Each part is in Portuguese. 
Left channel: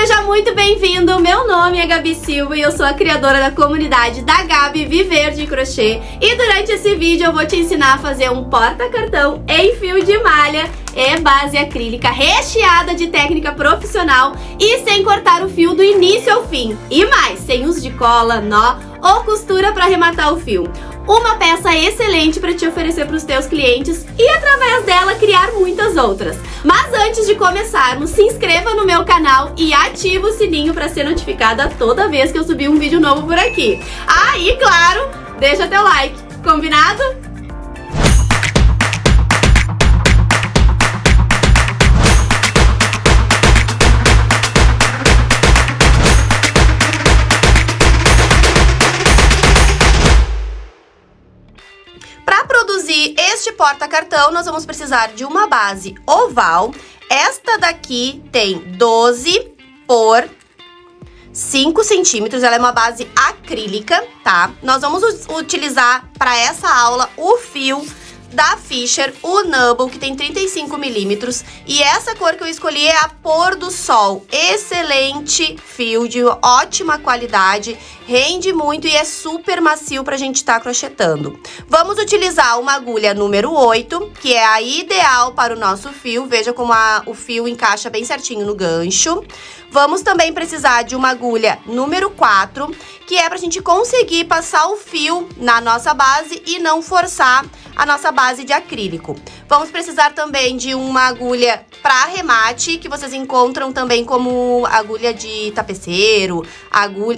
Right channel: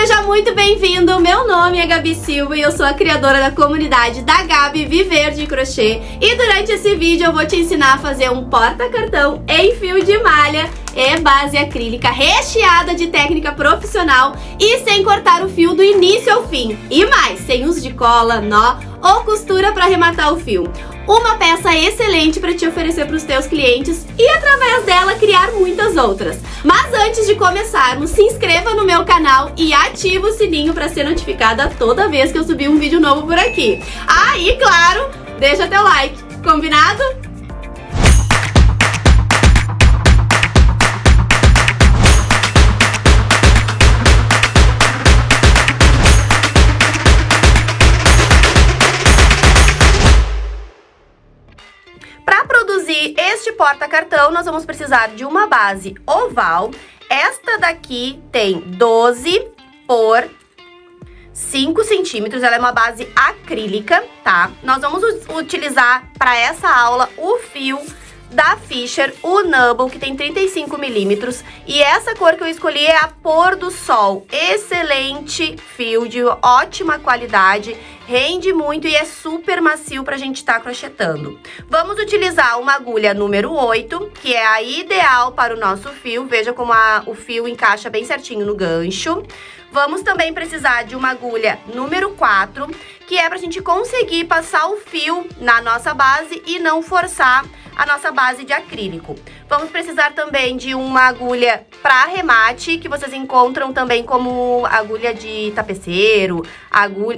seja muito bem-vindo! Meu nome é Gabi Silva e eu sou a criadora da comunidade da Gabi Viver de Crochê. E durante esse vídeo eu vou te ensinar a fazer um porta-cartão em fio de malha e base acrílica recheada de técnica profissional e sem cortar o fio do início ao fim. E mais, sem uso de cola, nó ou costura para arrematar o fio. Uma peça excelente para te oferecer para os teus clientes e através dela criar muitas outras. Mas antes de começarmos, se inscreva no meu canal e ativa o sininho para ser notificada toda vez que eu subir um vídeo novo por aqui. Ah, e claro, deixa teu like, combinado? Para produzir este porta-cartão, nós vamos precisar de uma base oval. Esta daqui tem 12 por 5 centímetros, ela é uma base acrílica, tá? Nós vamos utilizar para essa aula o fio da Fisher, o Nubble, que tem 35 milímetros. E essa cor que eu escolhi é a Pôr do Sol. Excelente fio, de ótima qualidade, rende muito e é super macio pra gente estar crochetando. Vamos utilizar uma agulha número 8, que é a ideal para o nosso fio. Veja como o fio encaixa bem certinho no gancho. Vamos também precisar de uma agulha número 4, que é pra gente conseguir passar o fio na nossa base e não forçar a nossa base de acrílico. Vamos precisar também de uma agulha para arremate, que vocês encontram também como agulha de tapeceiro,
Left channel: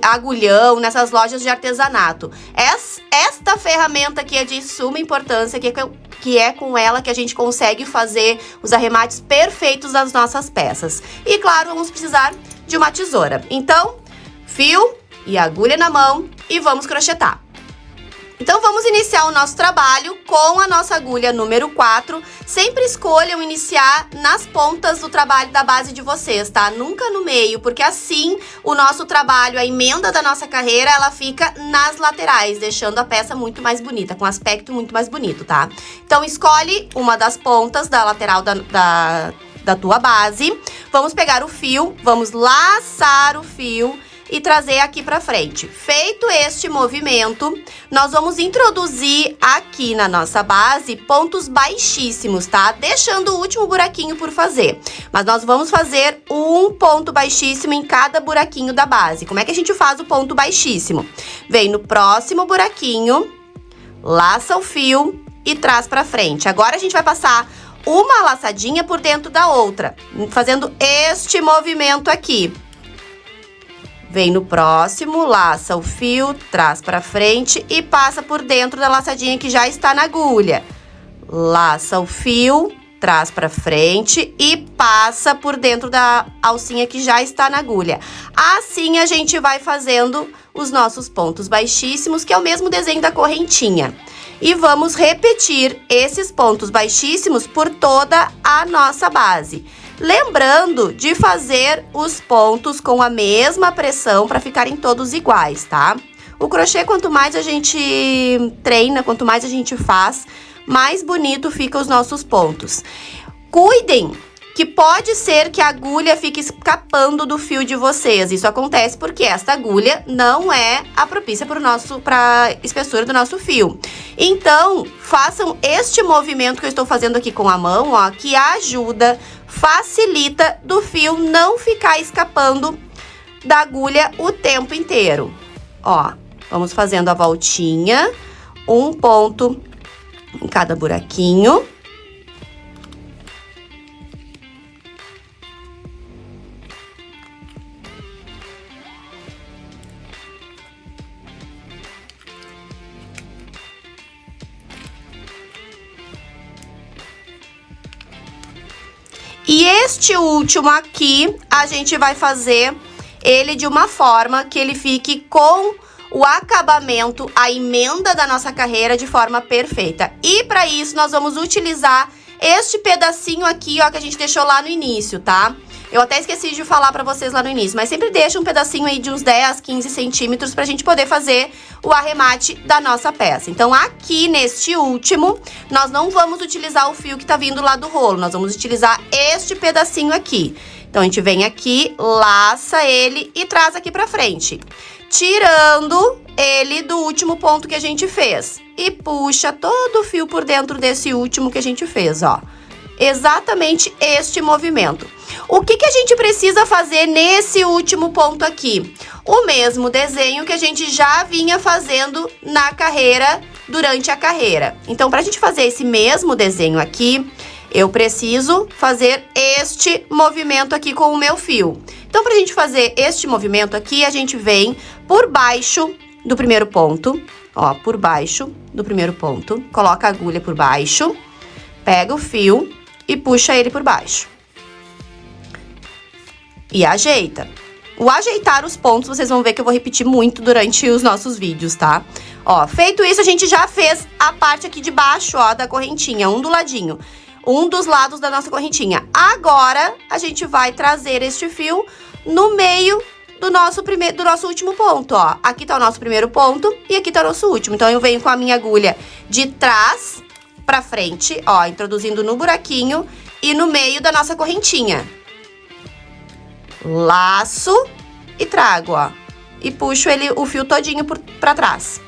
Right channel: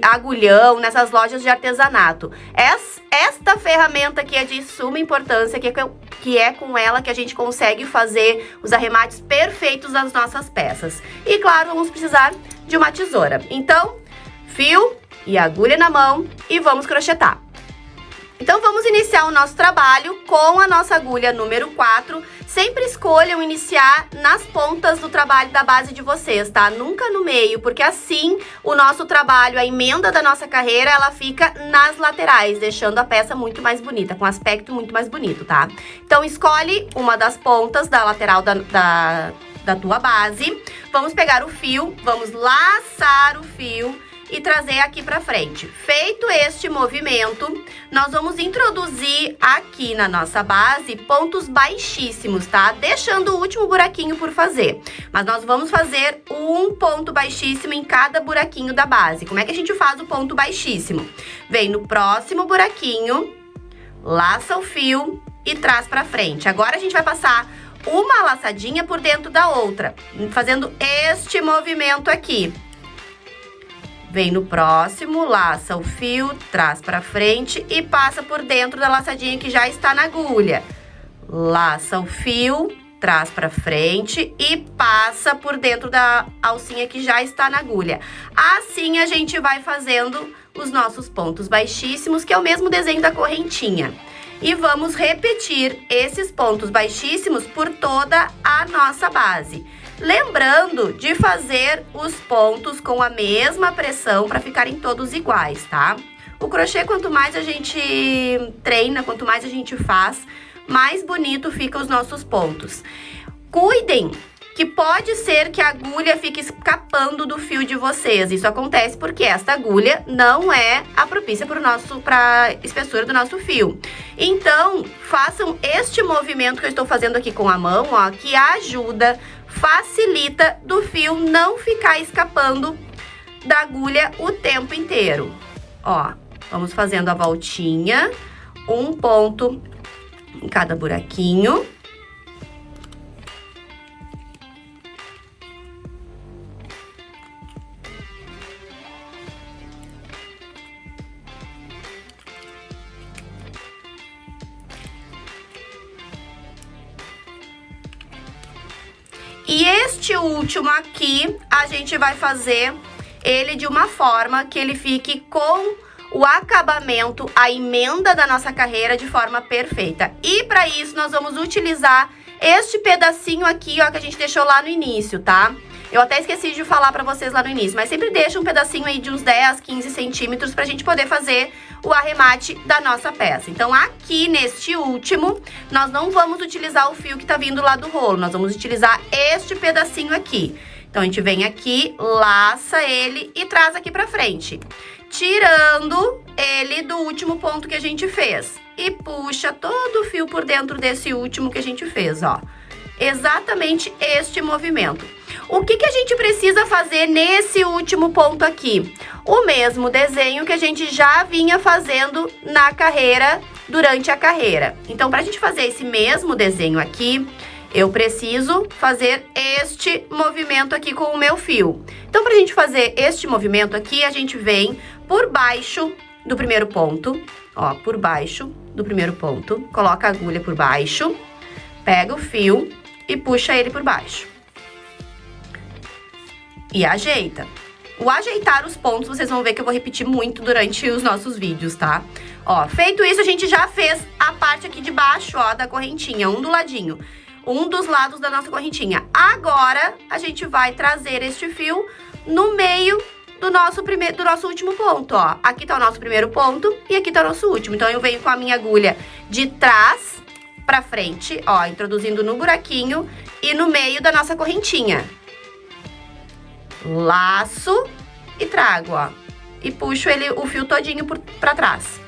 agulhão, nessas lojas de artesanato. Esta ferramenta aqui é de suma importância, que é com ela que a gente consegue fazer os arremates perfeitos das nossas peças. E claro, vamos precisar de uma tesoura. Então, fio e agulha na mão e vamos crochetar. Então, vamos iniciar o nosso trabalho com a nossa agulha número 4. Sempre escolham iniciar nas pontas do trabalho da base de vocês, tá? Nunca no meio, porque assim o nosso trabalho, a emenda da nossa carreira, ela fica nas laterais, deixando a peça muito mais bonita, com aspecto muito mais bonito, tá? Então, escolhe uma das pontas da lateral da tua base. Vamos pegar o fio, vamos laçar o fio e trazer aqui pra frente. Feito este movimento, nós vamos introduzir aqui na nossa base pontos baixíssimos, tá? Deixando o último buraquinho por fazer. Mas nós vamos fazer um ponto baixíssimo em cada buraquinho da base. Como é que a gente faz o ponto baixíssimo? Vem no próximo buraquinho, laça o fio e traz pra frente. Agora a gente vai passar uma laçadinha por dentro da outra, fazendo este movimento aqui. Vem no próximo, laça o fio, traz pra frente e passa por dentro da laçadinha que já está na agulha. Laça o fio, traz pra frente e passa por dentro da alcinha que já está na agulha. Assim a gente vai fazendo os nossos pontos baixíssimos, que é o mesmo desenho da correntinha. E vamos repetir esses pontos baixíssimos por toda a nossa base. Lembrando de fazer os pontos com a mesma pressão para ficarem todos iguais, tá? O crochê, quanto mais a gente treina, quanto mais a gente faz, mais bonito ficam os nossos pontos. Cuidem que pode ser que a agulha fique escapando do fio de vocês. Isso acontece porque esta agulha não é a propícia para a espessura do nosso fio. Então, façam este movimento que eu estou fazendo aqui com a mão, ó, que ajuda, facilita do fio não ficar escapando da agulha o tempo inteiro. Ó, vamos fazendo a voltinha, um ponto em cada buraquinho. E este último aqui, a gente vai fazer ele de uma forma que ele fique com o acabamento, a emenda da nossa carreira de forma perfeita. E para isso, nós vamos utilizar este pedacinho aqui, ó, que a gente deixou lá no início, tá? Eu até esqueci de falar pra vocês lá no início, mas sempre deixa um pedacinho aí de uns 10, 15 centímetros pra gente poder fazer o arremate da nossa peça. Então, aqui neste último, nós não vamos utilizar o fio que tá vindo lá do rolo, nós vamos utilizar este pedacinho aqui. Então, a gente vem aqui, laça ele e traz aqui pra frente, tirando ele do último ponto que a gente fez. E puxa todo o fio por dentro desse último que a gente fez, ó. Exatamente este movimento. O que a gente precisa fazer nesse último ponto aqui? O mesmo desenho que a gente já vinha fazendo na carreira, durante a carreira. Então, pra gente fazer esse mesmo desenho aqui, eu preciso fazer este movimento aqui com o meu fio. Então, pra gente fazer este movimento aqui, a gente vem por baixo do primeiro ponto, ó, por baixo do primeiro ponto, coloca a agulha por baixo, pega o fio e puxa ele por baixo. E ajeita. O ajeitar os pontos, vocês vão ver que eu vou repetir muito durante os nossos vídeos, tá? Ó, feito isso, a gente já fez a parte aqui de baixo, ó, da correntinha, um do ladinho. Um dos lados da nossa correntinha. Agora, a gente vai trazer este fio no meio do nosso último ponto, ó. Aqui tá o nosso primeiro ponto e aqui tá o nosso último. Então, eu venho com a minha agulha de trás pra frente, ó, introduzindo no buraquinho e no meio da nossa correntinha. Laço e trago, ó. E puxo o fio todinho pra trás.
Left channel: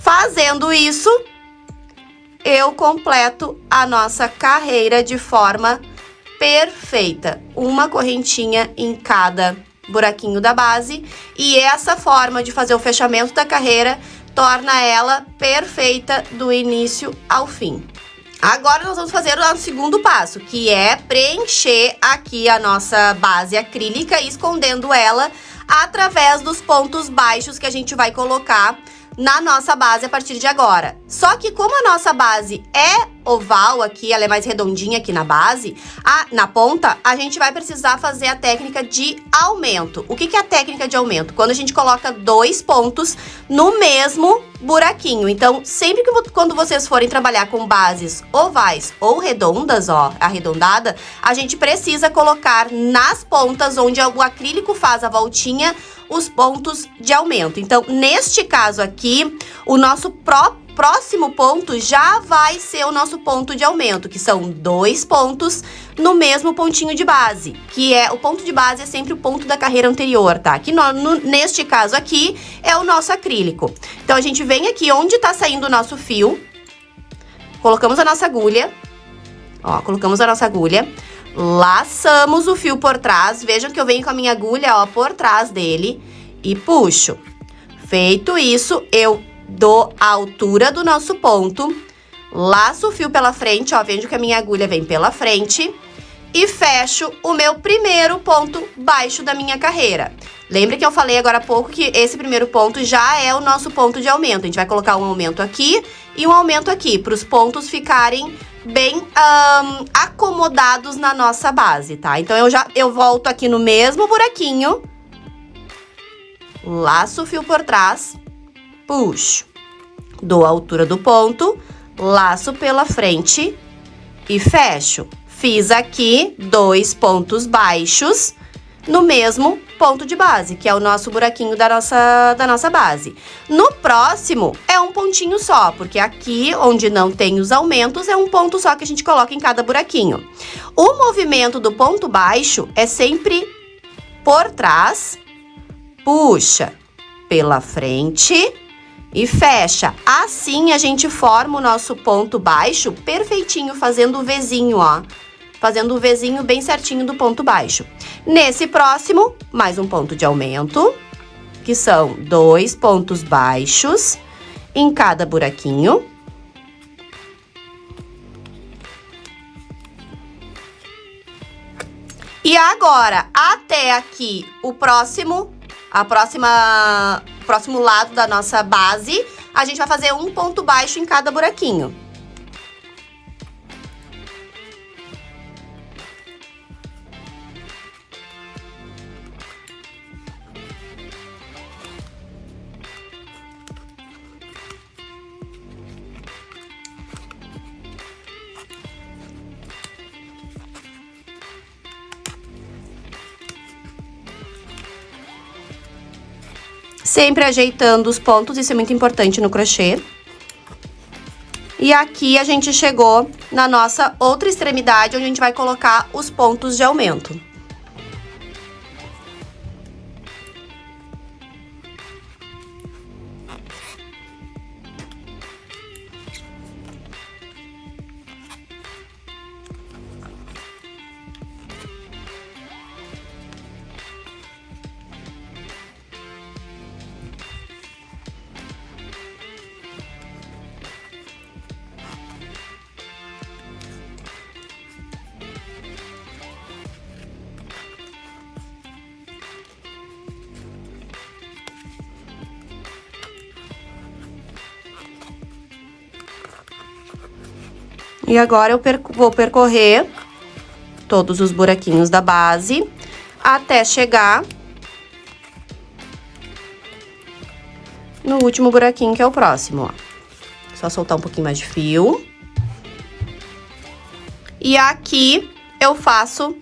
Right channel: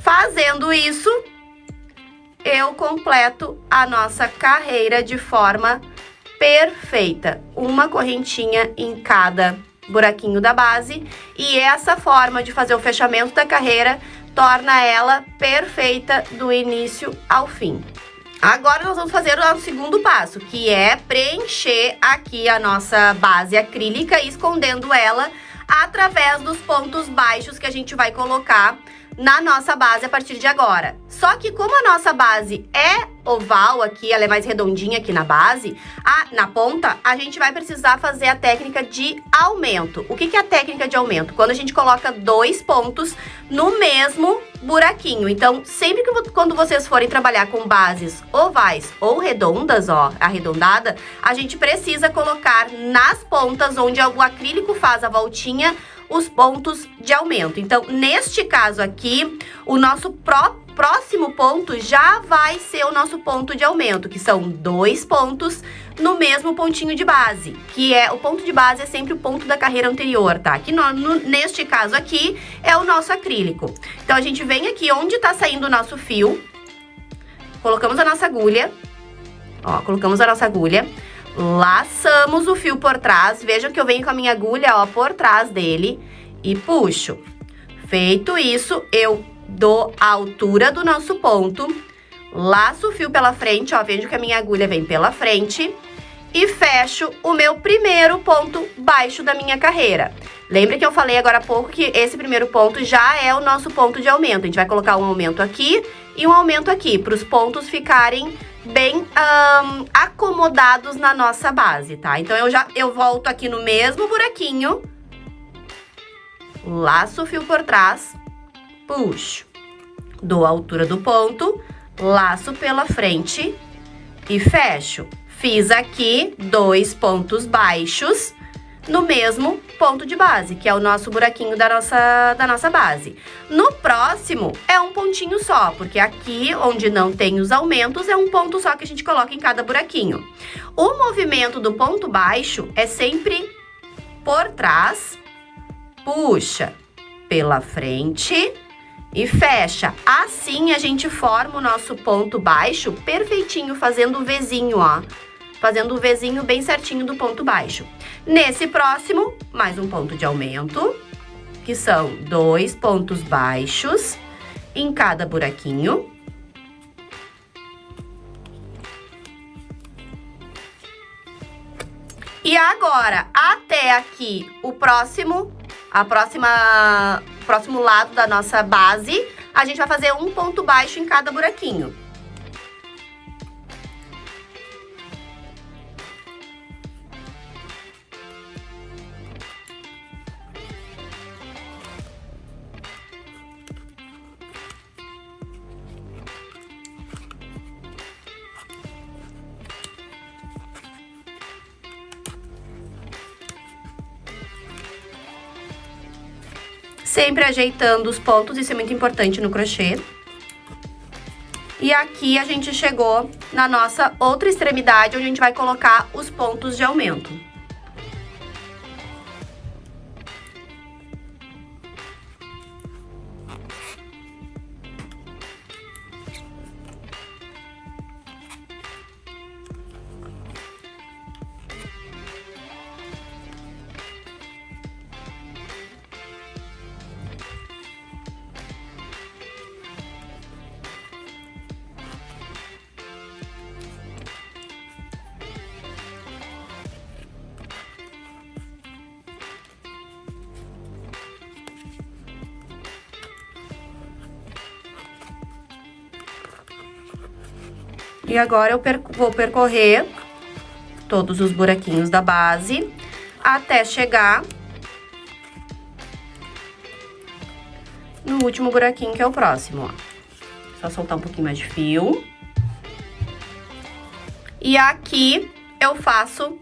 Fazendo isso, eu completo a nossa carreira de forma perfeita. Uma correntinha em cada buraquinho da base. E essa forma de fazer o fechamento da carreira torna ela perfeita do início ao fim. Agora, nós vamos fazer o nosso segundo passo, que é preencher aqui a nossa base acrílica, escondendo ela através dos pontos baixos que a gente vai colocar na nossa base a partir de agora. Só que como a nossa base é oval aqui, ela é mais redondinha aqui na base, na ponta, a gente vai precisar fazer a técnica de aumento. O que é a técnica de aumento? Quando a gente coloca 2 pontos no mesmo buraquinho. Então, sempre que quando vocês forem trabalhar com bases ovais ou redondas, ó, arredondada, a gente precisa colocar nas pontas onde o acrílico faz a voltinha, os pontos de aumento. Então, neste caso aqui, o nosso próximo ponto já vai ser o nosso ponto de aumento, que são 2 pontos no mesmo pontinho de base, que é o ponto de base é sempre o ponto da carreira anterior, tá? Que neste caso aqui é o nosso acrílico. Então, a gente vem aqui onde tá saindo o nosso fio, colocamos a nossa agulha, ó, colocamos a nossa agulha, laçamos o fio por trás, vejam que eu venho com a minha agulha, ó, por trás dele e puxo. Feito isso, eu dou a altura do nosso ponto, laço o fio pela frente, ó, vejo que a minha agulha vem pela frente e fecho o meu primeiro ponto baixo da minha carreira. Lembra que eu falei agora há pouco que esse primeiro ponto já é o nosso ponto de aumento. A gente vai colocar um aumento aqui e um aumento aqui, para os pontos ficarem bem acomodados na nossa base, tá? Então, eu volto aqui no mesmo buraquinho, laço o fio por trás, puxo, dou a altura do ponto, laço pela frente e fecho. Fiz aqui 2 pontos baixos no mesmo ponto de base, que é o nosso buraquinho da nossa base. No próximo, é um pontinho só, porque aqui, onde não tem os aumentos, é um ponto só que a gente coloca em cada buraquinho. O movimento do ponto baixo é sempre por trás, puxa pela frente e fecha. Assim, a gente forma o nosso ponto baixo perfeitinho, fazendo o Vzinho, ó. Fazendo o Vzinho bem certinho do ponto baixo. Nesse próximo, mais um ponto de aumento, que são 2 pontos baixos em cada buraquinho. E agora, até aqui, o próximo lado da nossa base, a gente vai fazer um ponto baixo em cada buraquinho. Sempre ajeitando os pontos, isso é muito importante no crochê. E aqui a gente chegou na nossa outra extremidade, onde a gente vai colocar os pontos de aumento. E agora eu vou percorrer todos os buraquinhos da base até chegar no último buraquinho, que é o próximo, ó. Só soltar um pouquinho mais de fio. E aqui eu faço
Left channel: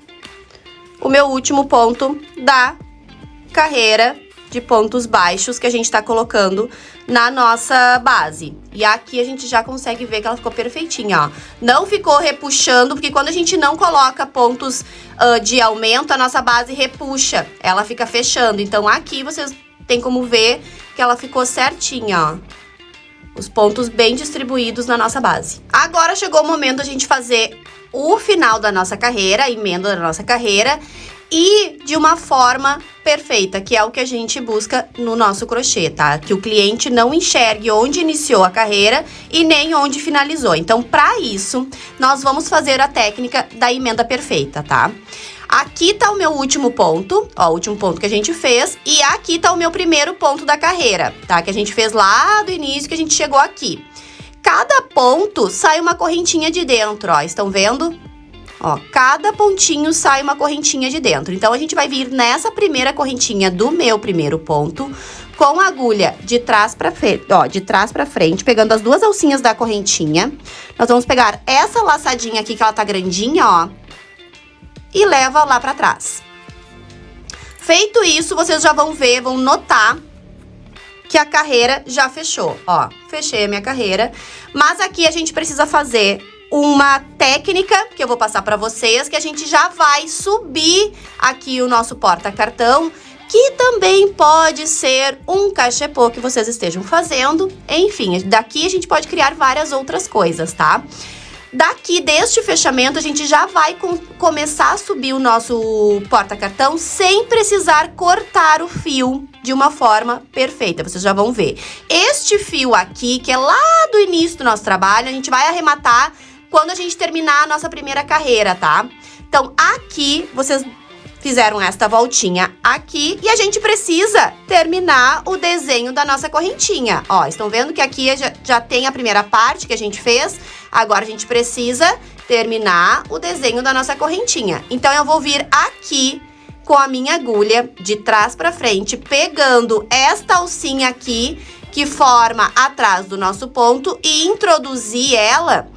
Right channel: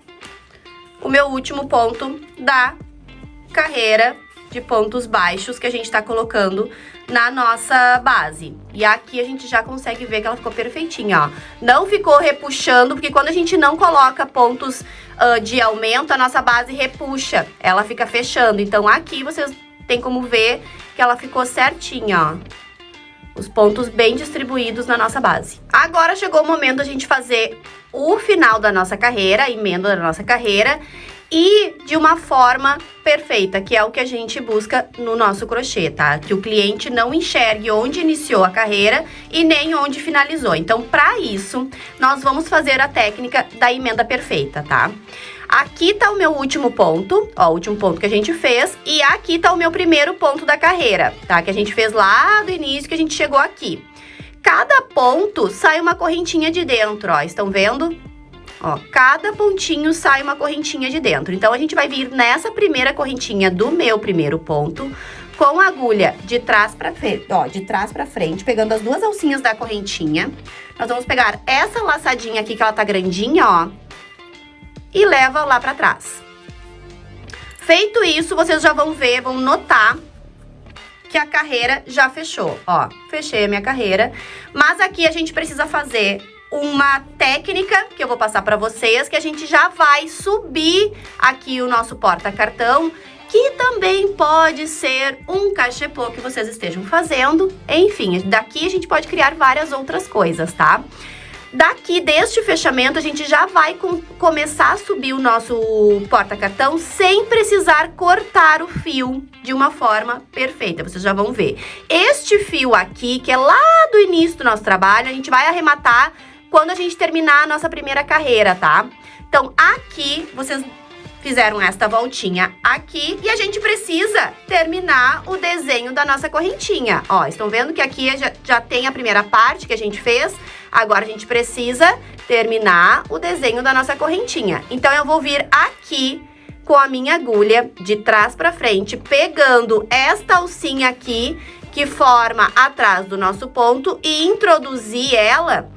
o meu último ponto da carreira de pontos baixos que a gente tá colocando na nossa base. E aqui a gente já consegue ver que ela ficou perfeitinha, ó. Não ficou repuxando, porque quando a gente não coloca pontos de aumento, a nossa base repuxa, ela fica fechando. Então aqui vocês têm como ver que ela ficou certinha, ó. Os pontos bem distribuídos na nossa base. Agora chegou o momento da gente fazer o final da nossa carreira, a emenda da nossa carreira, e de uma forma perfeita, que é o que a gente busca no nosso crochê, tá? Que o cliente não enxergue onde iniciou a carreira e nem onde finalizou. Então, para isso, nós vamos fazer a técnica da emenda perfeita, tá? Aqui tá o meu último ponto, ó, o último ponto que a gente fez, e aqui tá o meu primeiro ponto da carreira, tá? Que a gente fez lá do início, que a gente chegou aqui. Cada ponto sai uma correntinha de dentro, ó, estão vendo? Ó, cada pontinho sai uma correntinha de dentro. Então, a gente vai vir nessa primeira correntinha do meu primeiro ponto, com a agulha de trás pra frente, ó, de trás pra frente, pegando as duas alcinhas da correntinha. Nós vamos pegar essa laçadinha aqui, que ela tá grandinha, ó, e leva lá pra trás. Feito isso, vocês já vão ver, vão notar que a carreira já fechou, ó. Fechei a minha carreira, mas aqui a gente precisa fazer uma técnica que eu vou passar para vocês, que a gente já vai subir aqui o nosso porta-cartão, que também pode ser um cachepô que vocês estejam fazendo. Enfim, daqui a gente pode criar várias outras coisas, tá? Daqui, deste fechamento, a gente já vai começar a subir o nosso porta-cartão sem precisar cortar o fio de uma forma perfeita. Vocês já vão ver. Este fio aqui, que é lá do início do nosso trabalho, a gente vai arrematar quando a gente terminar a nossa primeira carreira, tá? Então, aqui, vocês fizeram esta voltinha aqui e a gente precisa terminar o desenho da nossa correntinha. Ó, estão vendo que aqui já tem a primeira parte que a gente fez. Agora, a gente precisa terminar o desenho da nossa correntinha. Então, eu vou vir aqui com a minha agulha de trás pra frente, pegando esta alcinha aqui, que forma atrás do nosso ponto, e introduzir ela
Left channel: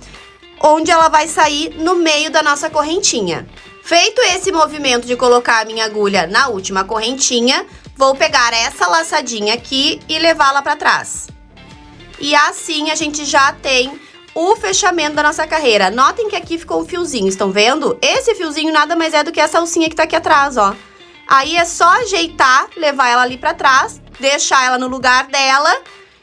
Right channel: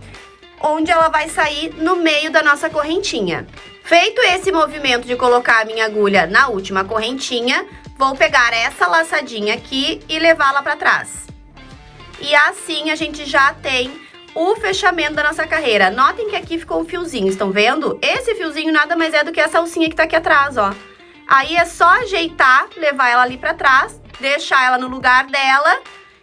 onde ela vai sair no meio da nossa correntinha. Feito esse movimento de colocar a minha agulha na última correntinha, vou pegar essa laçadinha aqui e levá-la pra trás. E assim a gente já tem o fechamento da nossa carreira. Notem que aqui ficou um fiozinho, estão vendo? Esse fiozinho nada mais é do que essa alcinha que tá aqui atrás, ó. Aí é só ajeitar, levar ela ali pra trás, deixar ela no lugar dela,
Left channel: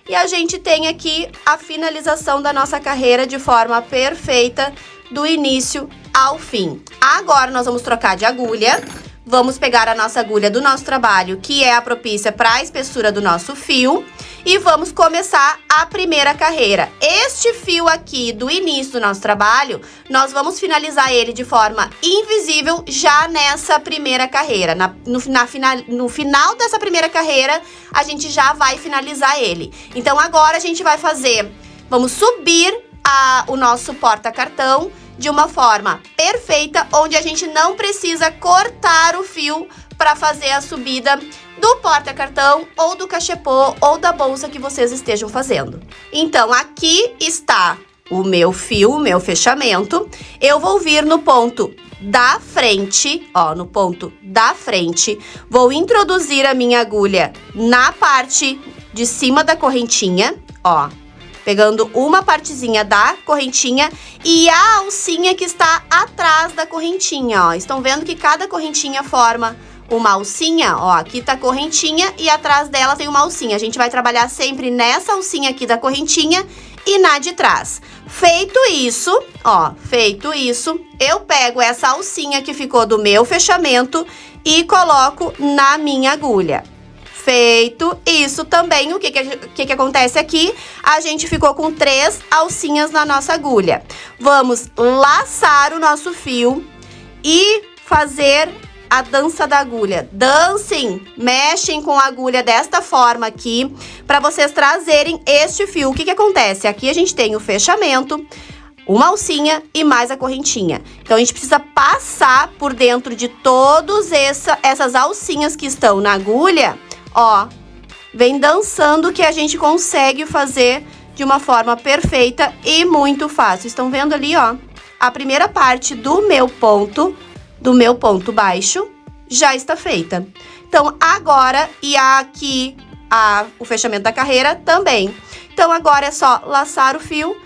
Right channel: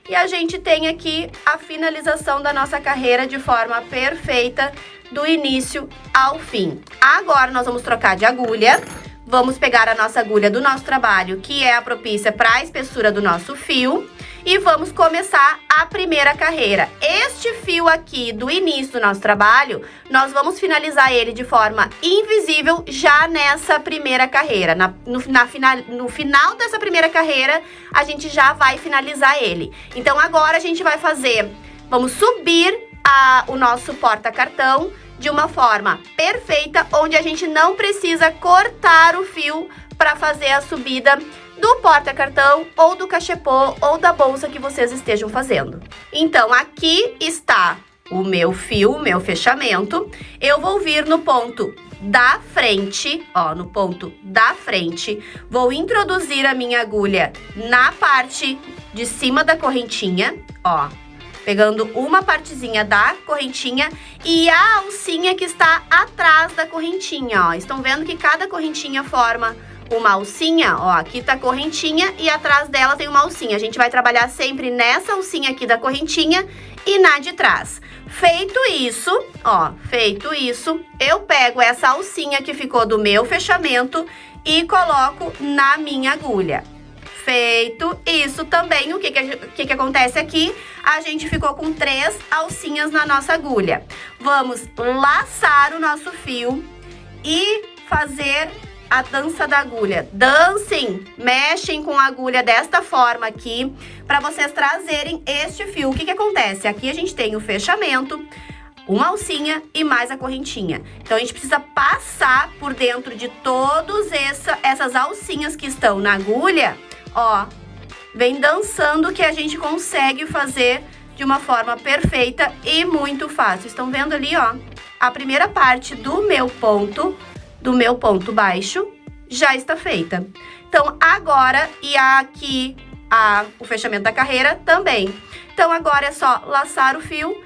e a gente tem aqui a finalização da nossa carreira de forma perfeita, do início ao fim. Agora, nós vamos trocar de agulha. Vamos pegar a nossa agulha do nosso trabalho, que é a propícia para a espessura do nosso fio, e vamos começar a primeira carreira. Este fio aqui do início do nosso trabalho, nós vamos finalizar ele de forma invisível já nessa primeira carreira. No final dessa primeira carreira, a gente já vai finalizar ele. Então, agora a gente vai fazer, vamos subir o nosso porta-cartão de uma forma perfeita, onde a gente não precisa cortar o fio para fazer a subida do porta-cartão ou do cachepô ou da bolsa que vocês estejam fazendo. Então, aqui está o meu fio, o meu fechamento. Eu vou vir no ponto da frente, ó, no ponto da frente, vou introduzir a minha agulha na parte de cima da correntinha, ó, pegando uma partezinha da correntinha e a alcinha que está atrás da correntinha, ó. Estão vendo que cada correntinha forma uma alcinha, ó, aqui tá a correntinha e atrás dela tem uma alcinha. A gente vai trabalhar sempre nessa alcinha aqui da correntinha e na de trás. Feito isso, ó, feito isso, eu pego essa alcinha que ficou do meu fechamento e coloco na minha agulha. Feito isso também, o que acontece aqui? A gente ficou com 3 alcinhas na nossa agulha. Vamos laçar o nosso fio e fazer a dança da agulha. Dancem, mexem com a agulha desta forma aqui, para vocês trazerem este fio. O que acontece? Aqui a gente tem o fechamento, uma alcinha e mais a correntinha. Então, a gente precisa passar por dentro de todas essas alcinhas que estão na agulha, ó. Vem dançando que a gente consegue fazer de uma forma perfeita e muito fácil. Estão vendo ali, ó? A primeira parte do meu ponto baixo, já está feita. Então, agora, e aqui o fechamento da carreira também. Então, agora é só laçar o fio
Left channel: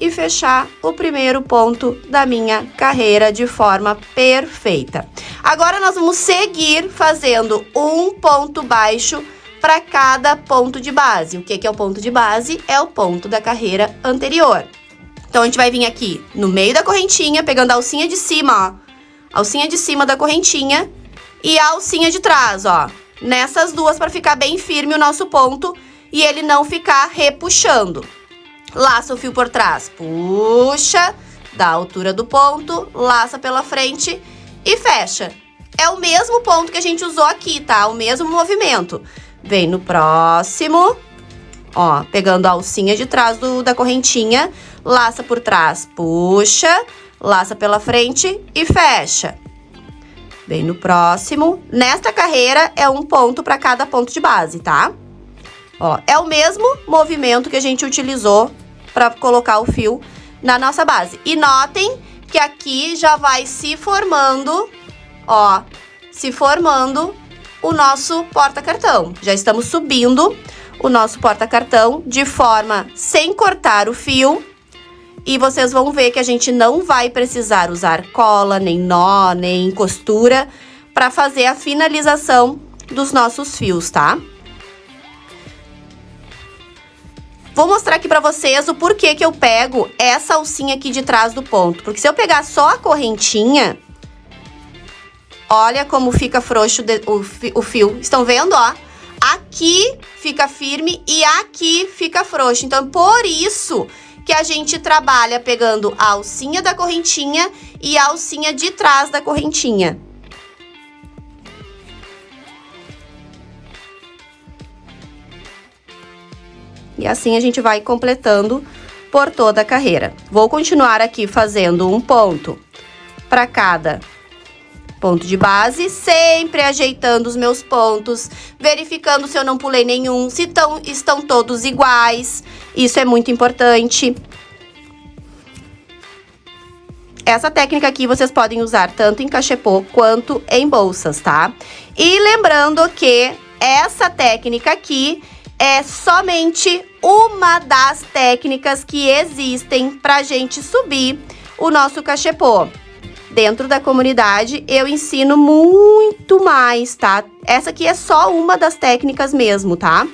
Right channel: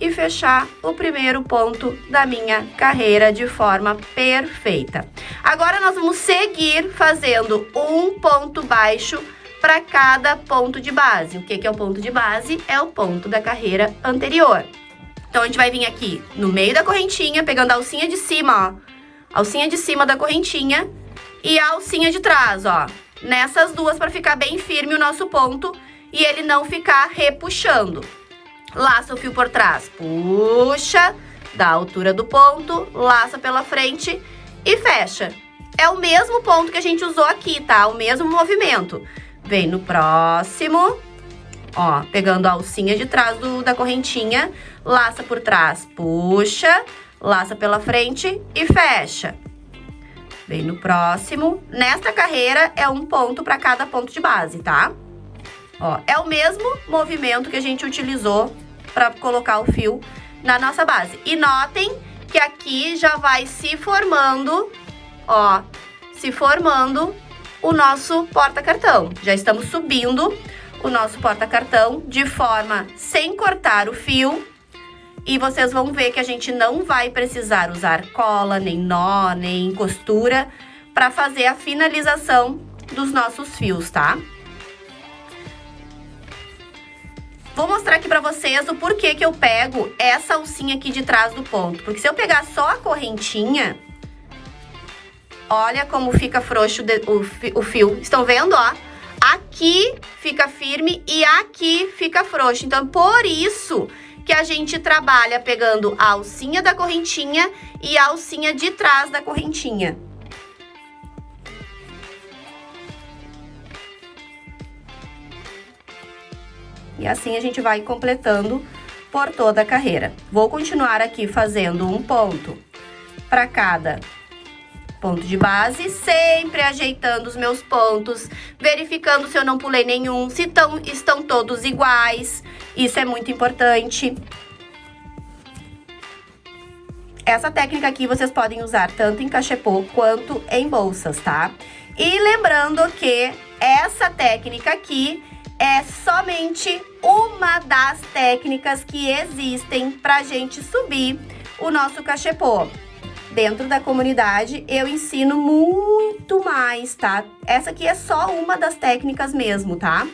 e fechar o primeiro ponto da minha carreira de forma perfeita. Agora, nós vamos seguir fazendo um ponto baixo para cada ponto de base. O que é o ponto de base? É o ponto da carreira anterior. Então, a gente vai vir aqui no meio da correntinha, pegando a alcinha de cima, ó. Alcinha de cima da correntinha e a alcinha de trás, ó. Nessas duas, para ficar bem firme o nosso ponto e ele não ficar repuxando. Laça o fio por trás, puxa, da altura do ponto, laça pela frente e fecha. É o mesmo ponto que a gente usou aqui, tá? O mesmo movimento. Vem no próximo, ó, pegando a alcinha de trás da correntinha, laça por trás, puxa, laça pela frente e fecha. Vem no próximo. Nesta carreira é um ponto para cada ponto de base, tá? Ó, é o mesmo movimento que a gente utilizou para colocar o fio na nossa base. E notem que aqui já vai se formando, ó, se formando o nosso porta-cartão. Já estamos subindo o nosso porta-cartão de forma sem cortar o fio. E vocês vão ver que a gente não vai precisar usar cola, nem nó, nem costura para fazer a finalização dos nossos fios, tá? Vou mostrar aqui para vocês o porquê que eu pego essa alcinha aqui de trás do ponto. Porque se eu pegar só a correntinha, olha como fica frouxo o fio. Estão vendo, ó? Aqui fica firme e aqui fica frouxo. Então, por isso que a gente trabalha pegando a alcinha da correntinha e a alcinha de trás da correntinha. E assim a gente vai completando por toda a carreira. Vou continuar aqui fazendo um ponto para cada ponto de base, sempre ajeitando os meus pontos, verificando se eu não pulei nenhum, se estão todos iguais. Isso é muito importante. Essa técnica aqui vocês podem usar tanto em cachepô quanto em bolsas, tá? E lembrando que essa técnica aqui é somente uma das técnicas que existem pra gente subir o nosso cachepô. Dentro da comunidade, eu ensino muito mais, tá? Essa aqui é só uma das técnicas mesmo, tá?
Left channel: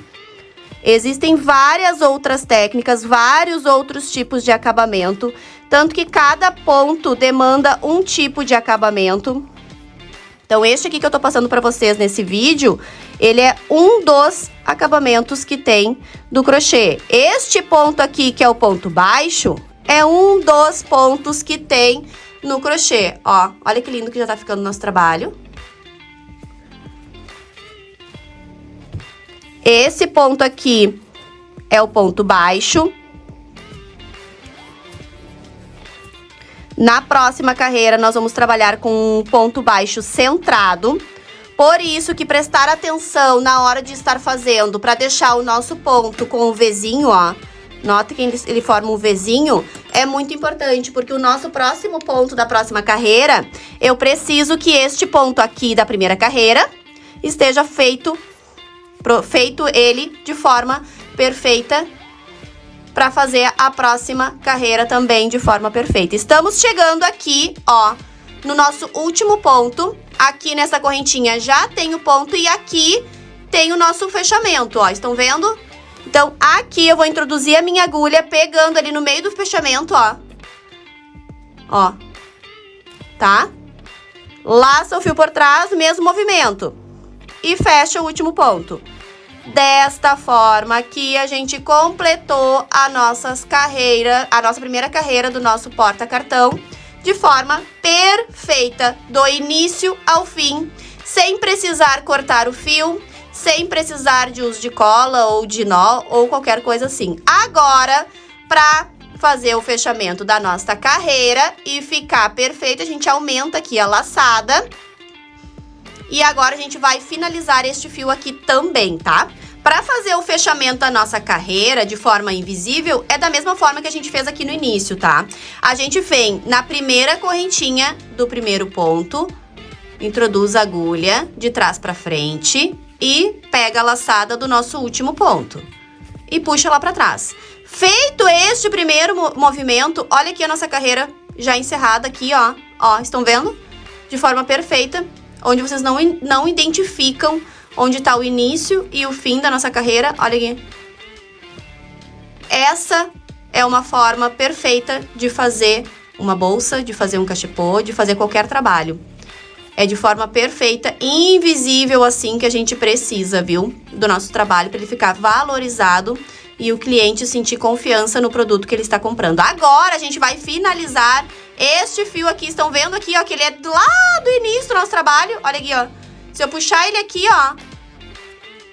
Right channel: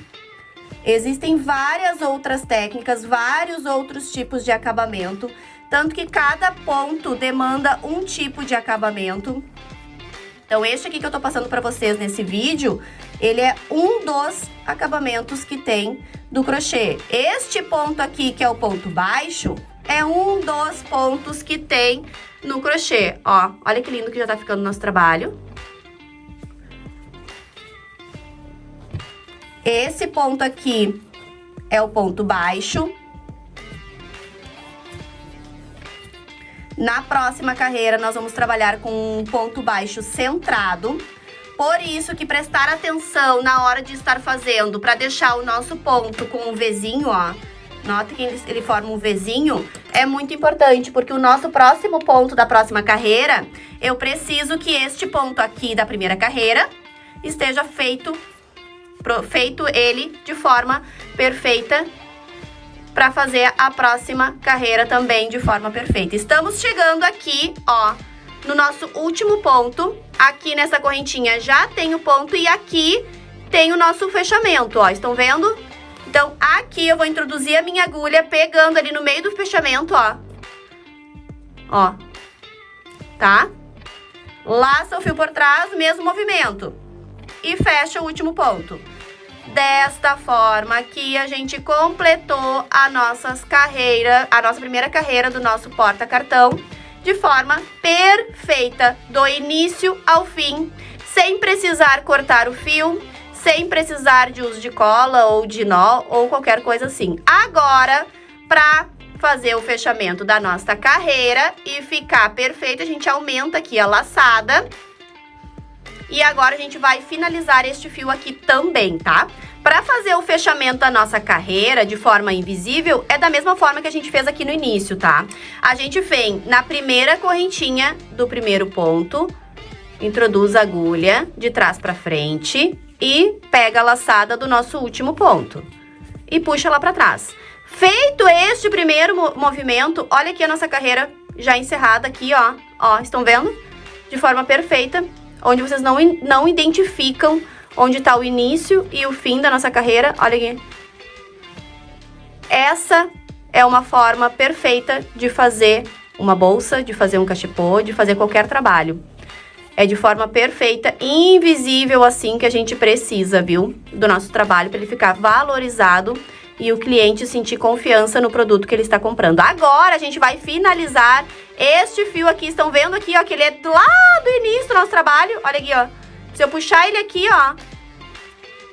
Existem várias outras técnicas, vários outros tipos de acabamento, tanto que cada ponto demanda um tipo de acabamento. Então, este aqui que eu tô passando pra vocês nesse vídeo, ele é um dos acabamentos que tem do crochê. Este ponto aqui, que é o ponto baixo, é um dos pontos que tem no crochê. Ó, olha que lindo que já tá ficando o nosso trabalho. Esse ponto aqui é o ponto baixo. Na próxima carreira, nós vamos trabalhar com um ponto baixo centrado. Por isso que prestar atenção na hora de estar fazendo, para deixar o nosso ponto com o Vzinho, ó. Nota que ele forma um Vzinho, é muito importante, porque o nosso próximo ponto da próxima carreira, eu preciso que este ponto aqui da primeira carreira esteja feito ele de forma perfeita para fazer a próxima carreira também de forma perfeita. Estamos chegando aqui, ó, no nosso último ponto. Aqui nessa correntinha já tem o ponto e aqui tem o nosso fechamento, ó. Estão vendo? Então, aqui eu vou introduzir a minha agulha pegando ali no meio do fechamento, ó. Ó. Tá? Laça o fio por trás, mesmo movimento. E fecha o último ponto. Desta forma aqui, a gente completou a nossa primeira carreira do nosso porta-cartão de forma perfeita, do início ao fim, sem precisar cortar o fio, sem precisar de uso de cola ou de nó ou qualquer coisa assim. Agora, para fazer o fechamento da nossa carreira e ficar perfeito, a gente aumenta aqui a laçada. E agora a gente vai finalizar este fio aqui também, tá? Para fazer o fechamento da nossa carreira de forma invisível, é da mesma forma que a gente fez aqui no início, tá? A gente vem na primeira correntinha do primeiro ponto, introduz a agulha de trás para frente e pega a laçada do nosso último ponto e puxa lá para trás. Feito este primeiro movimento, olha aqui a nossa carreira já encerrada aqui, ó. Ó, estão vendo? De forma perfeita, onde vocês não identificam onde tá o início e o fim da nossa carreira. Olha aqui. Essa é uma forma perfeita de fazer uma bolsa, de fazer um cachepô, de fazer qualquer trabalho. É de forma perfeita, invisível assim que a gente precisa, viu? Do nosso trabalho, para ele ficar valorizado e o cliente sentir confiança no produto que ele está comprando. Agora a gente vai finalizar este fio aqui. Estão vendo aqui, ó, que ele é lá do início do nosso trabalho. Olha aqui, ó. Se eu puxar ele aqui, ó,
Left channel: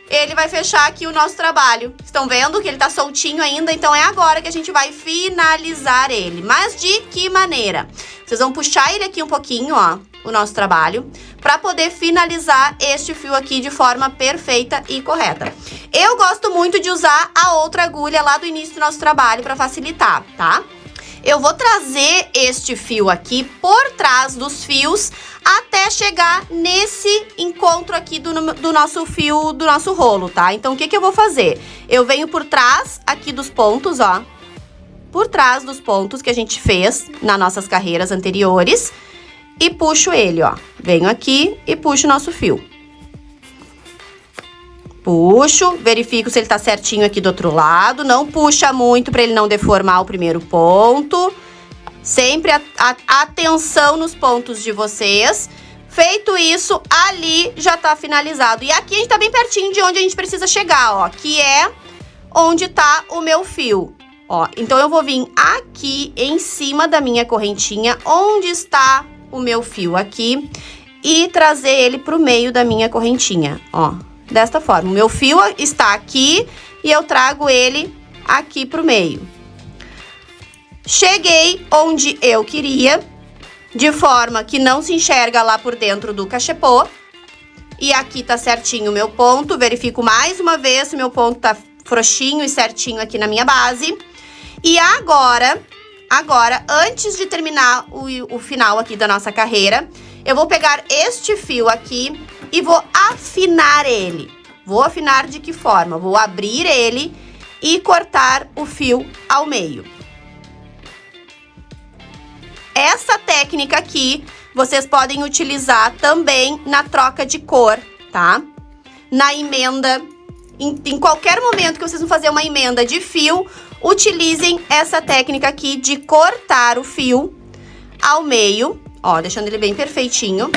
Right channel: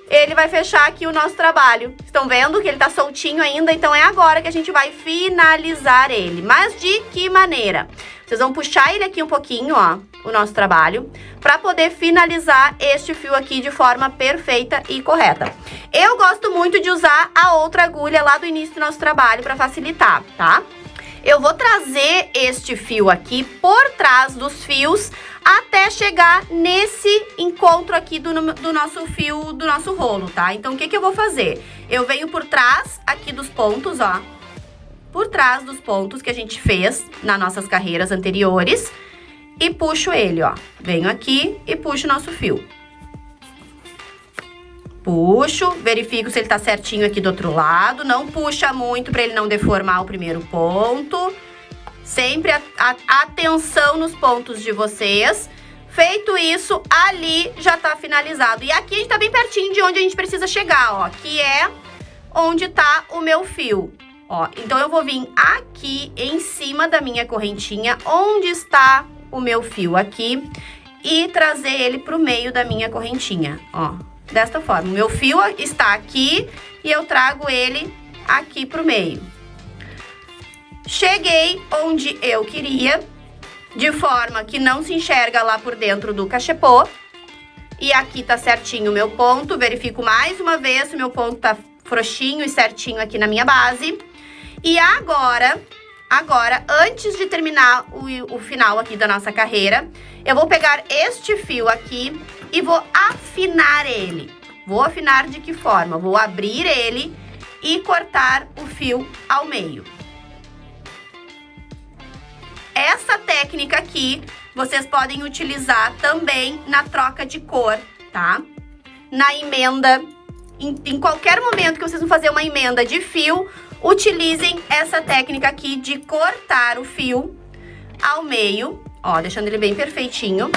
ele vai fechar aqui o nosso trabalho. Estão vendo que ele tá soltinho ainda? Então é agora que a gente vai finalizar ele. Mas de que maneira? Vocês vão puxar ele aqui um pouquinho, ó, o nosso trabalho, para poder finalizar este fio aqui de forma perfeita e correta. Eu gosto muito de usar a outra agulha lá do início do nosso trabalho para facilitar, tá? Eu vou trazer este fio aqui por trás dos fios até chegar nesse encontro aqui do nosso fio, do nosso rolo, tá? Então, o que eu vou fazer? Eu venho por trás aqui dos pontos, ó. Por trás dos pontos que a gente fez nas nossas carreiras anteriores e puxo ele, ó. Venho aqui e puxo o nosso fio. Puxo, verifico se ele tá certinho aqui do outro lado. Não puxa muito para ele não deformar o primeiro ponto. Sempre atenção nos pontos de vocês. Feito isso, ali já tá finalizado. E aqui a gente tá bem pertinho de onde a gente precisa chegar, ó. Que é onde tá o meu fio. Ó, então eu vou vir aqui em cima da minha correntinha, onde está o meu fio aqui, e trazer ele pro meio da minha correntinha, ó. Desta forma, o meu fio está aqui e eu trago ele aqui pro meio. Cheguei onde eu queria, de forma que não se enxerga lá por dentro do cachepô. E aqui tá certinho o meu ponto, verifico mais uma vez se meu ponto tá frouxinho e certinho aqui na minha base. E agora, antes de terminar o final aqui da nossa carreira, eu vou pegar este fio aqui e vou afinar ele. Vou afinar de que forma? Vou abrir ele e cortar o fio ao meio. Essa técnica aqui, vocês podem utilizar também na troca de cor, tá? Na emenda, em qualquer momento que vocês vão fazer uma emenda de fio, utilizem essa técnica aqui de cortar o fio ao meio, ó, deixando ele bem perfeitinho.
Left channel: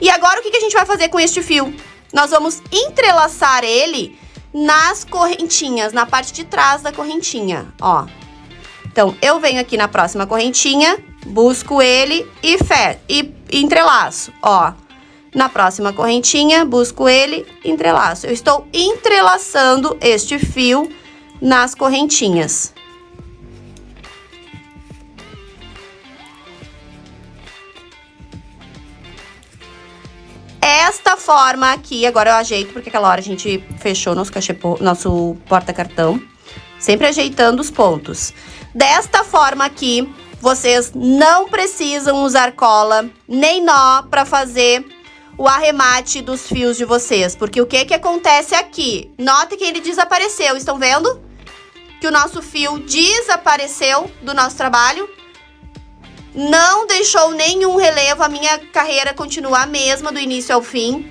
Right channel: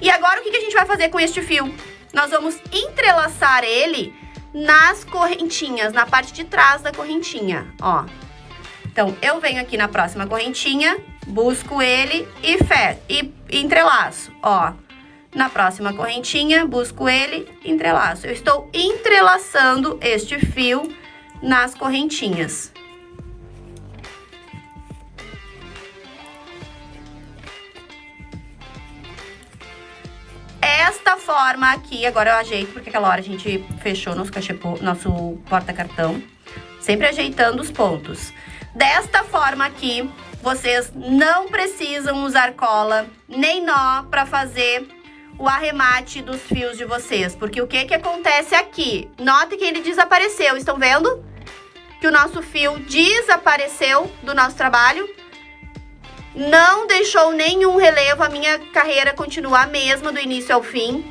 E agora, o que a gente vai fazer com este fio? Nós vamos entrelaçar ele nas correntinhas, na parte de trás da correntinha, ó. Então, eu venho aqui na próxima correntinha, busco ele e entrelaço, ó. Na próxima correntinha, busco ele, entrelaço. Eu estou entrelaçando este fio nas correntinhas. Esta forma aqui, agora eu ajeito, porque aquela hora a gente fechou nosso cachepô, nosso porta-cartão, sempre ajeitando os pontos. Desta forma aqui, vocês não precisam usar cola nem nó para fazer o arremate dos fios de vocês, porque o que acontece aqui? Note que ele desapareceu, estão vendo? Que o nosso fio desapareceu do nosso trabalho. Não deixou nenhum relevo, a minha carreira continua a mesma do início ao fim.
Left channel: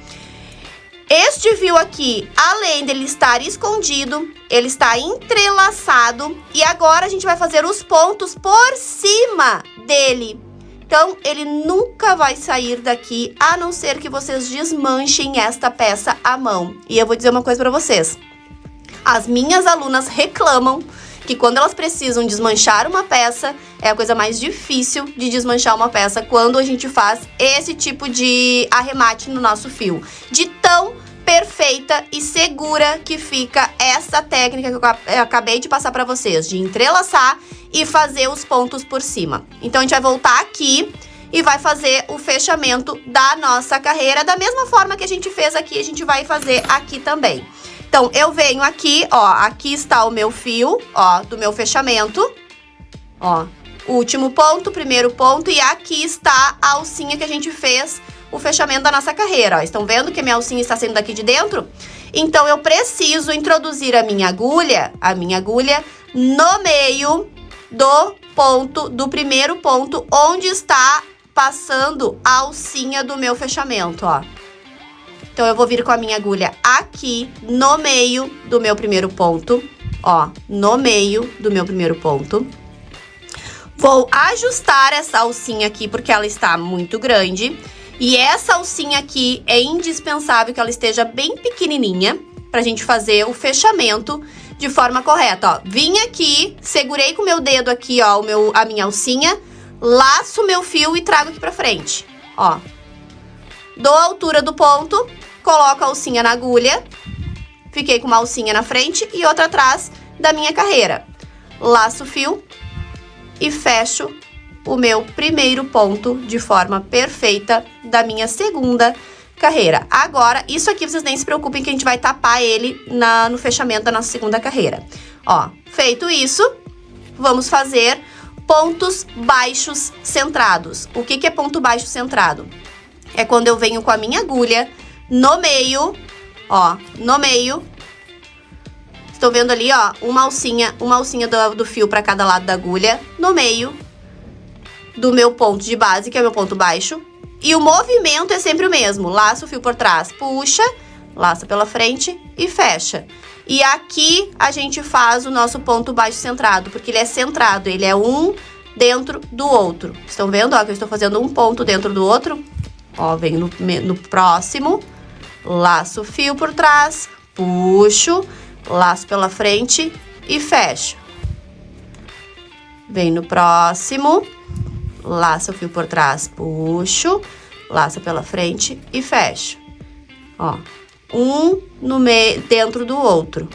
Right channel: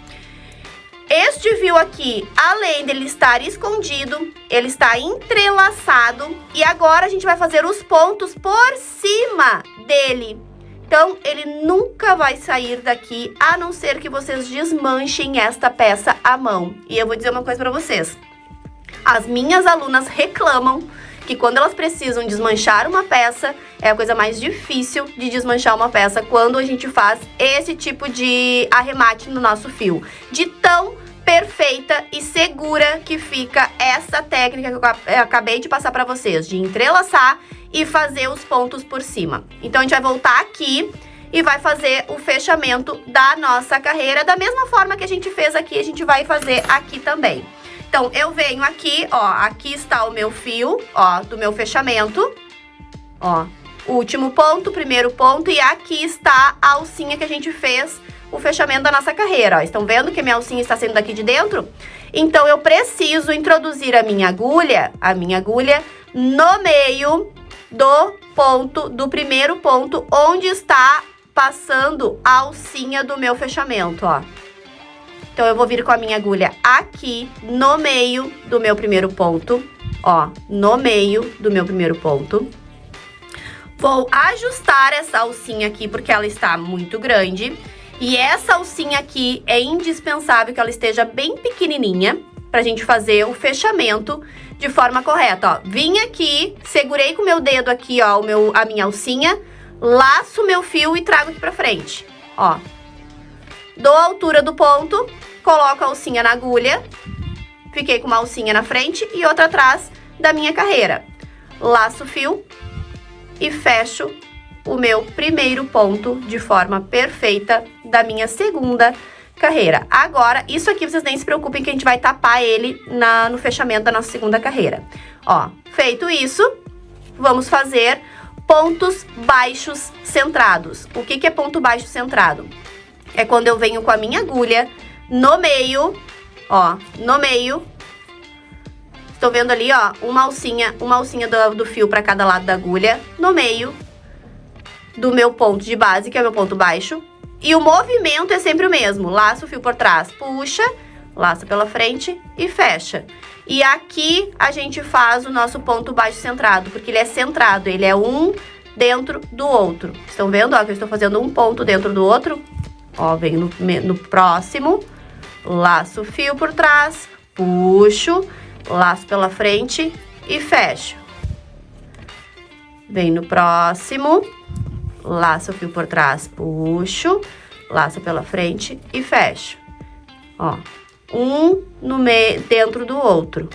Este fio aqui, além dele estar escondido, ele está entrelaçado. E agora a gente vai fazer os pontos por cima dele. Então, ele nunca vai sair daqui, a não ser que vocês desmanchem esta peça à mão. E eu vou dizer uma coisa pra vocês. As minhas alunas reclamam que quando elas precisam desmanchar uma peça, é a coisa mais difícil de desmanchar uma peça quando a gente faz esse tipo de arremate no nosso fio. De tão perfeita e segura que fica essa técnica que eu acabei de passar para vocês, de entrelaçar e fazer os pontos por cima. Então, a gente vai voltar aqui e vai fazer o fechamento da nossa carreira. Da mesma forma que a gente fez aqui, a gente vai fazer aqui também. Então, eu venho aqui, ó, aqui está o meu fio, ó, do meu fechamento, ó, último ponto, primeiro ponto, e aqui está a alcinha que a gente fez o fechamento da nossa carreira, ó. Estão vendo que a minha alcinha está saindo daqui de dentro? Então, eu preciso introduzir a minha agulha no meio do ponto, do primeiro ponto, onde está passando a alcinha do meu fechamento, ó. Então, eu vou vir com a minha agulha aqui no meio do meu primeiro ponto, ó, no meio do meu primeiro ponto. Vou ajustar essa alcinha aqui, porque ela está muito grande. E essa alcinha aqui é indispensável que ela esteja bem pequenininha pra gente fazer o fechamento de forma correta, ó. Vim aqui, segurei com o meu dedo aqui, ó, a minha alcinha, laço o meu fio e trago aqui pra frente, ó. Dou a altura do ponto, coloco a alcinha na agulha, fiquei com uma alcinha na frente e outra atrás da minha carreira. Laço o fio e fecho o meu primeiro ponto de forma perfeita da minha segunda carreira. Agora, isso aqui vocês nem se preocupem que a gente vai tapar ele no fechamento da nossa segunda carreira. Ó, feito isso, vamos fazer pontos baixos centrados. O que é ponto baixo centrado? É quando eu venho com a minha agulha no meio, ó, no meio. Estão vendo ali, ó, uma alcinha do fio para cada lado da agulha, no meio do meu ponto de base, que é o meu ponto baixo. E o movimento é sempre o mesmo. Laça o fio por trás, puxa, laça pela frente e fecha. E aqui a gente faz o nosso ponto baixo centrado, porque ele é centrado, ele é um dentro do outro. Estão vendo, ó, que eu estou fazendo um ponto dentro do outro? Ó, venho no próximo, laço o fio por trás, puxo, laço pela frente e fecho. Venho no próximo, laço o fio por trás, puxo, laço pela frente e fecho. Ó, um no meio, dentro do outro.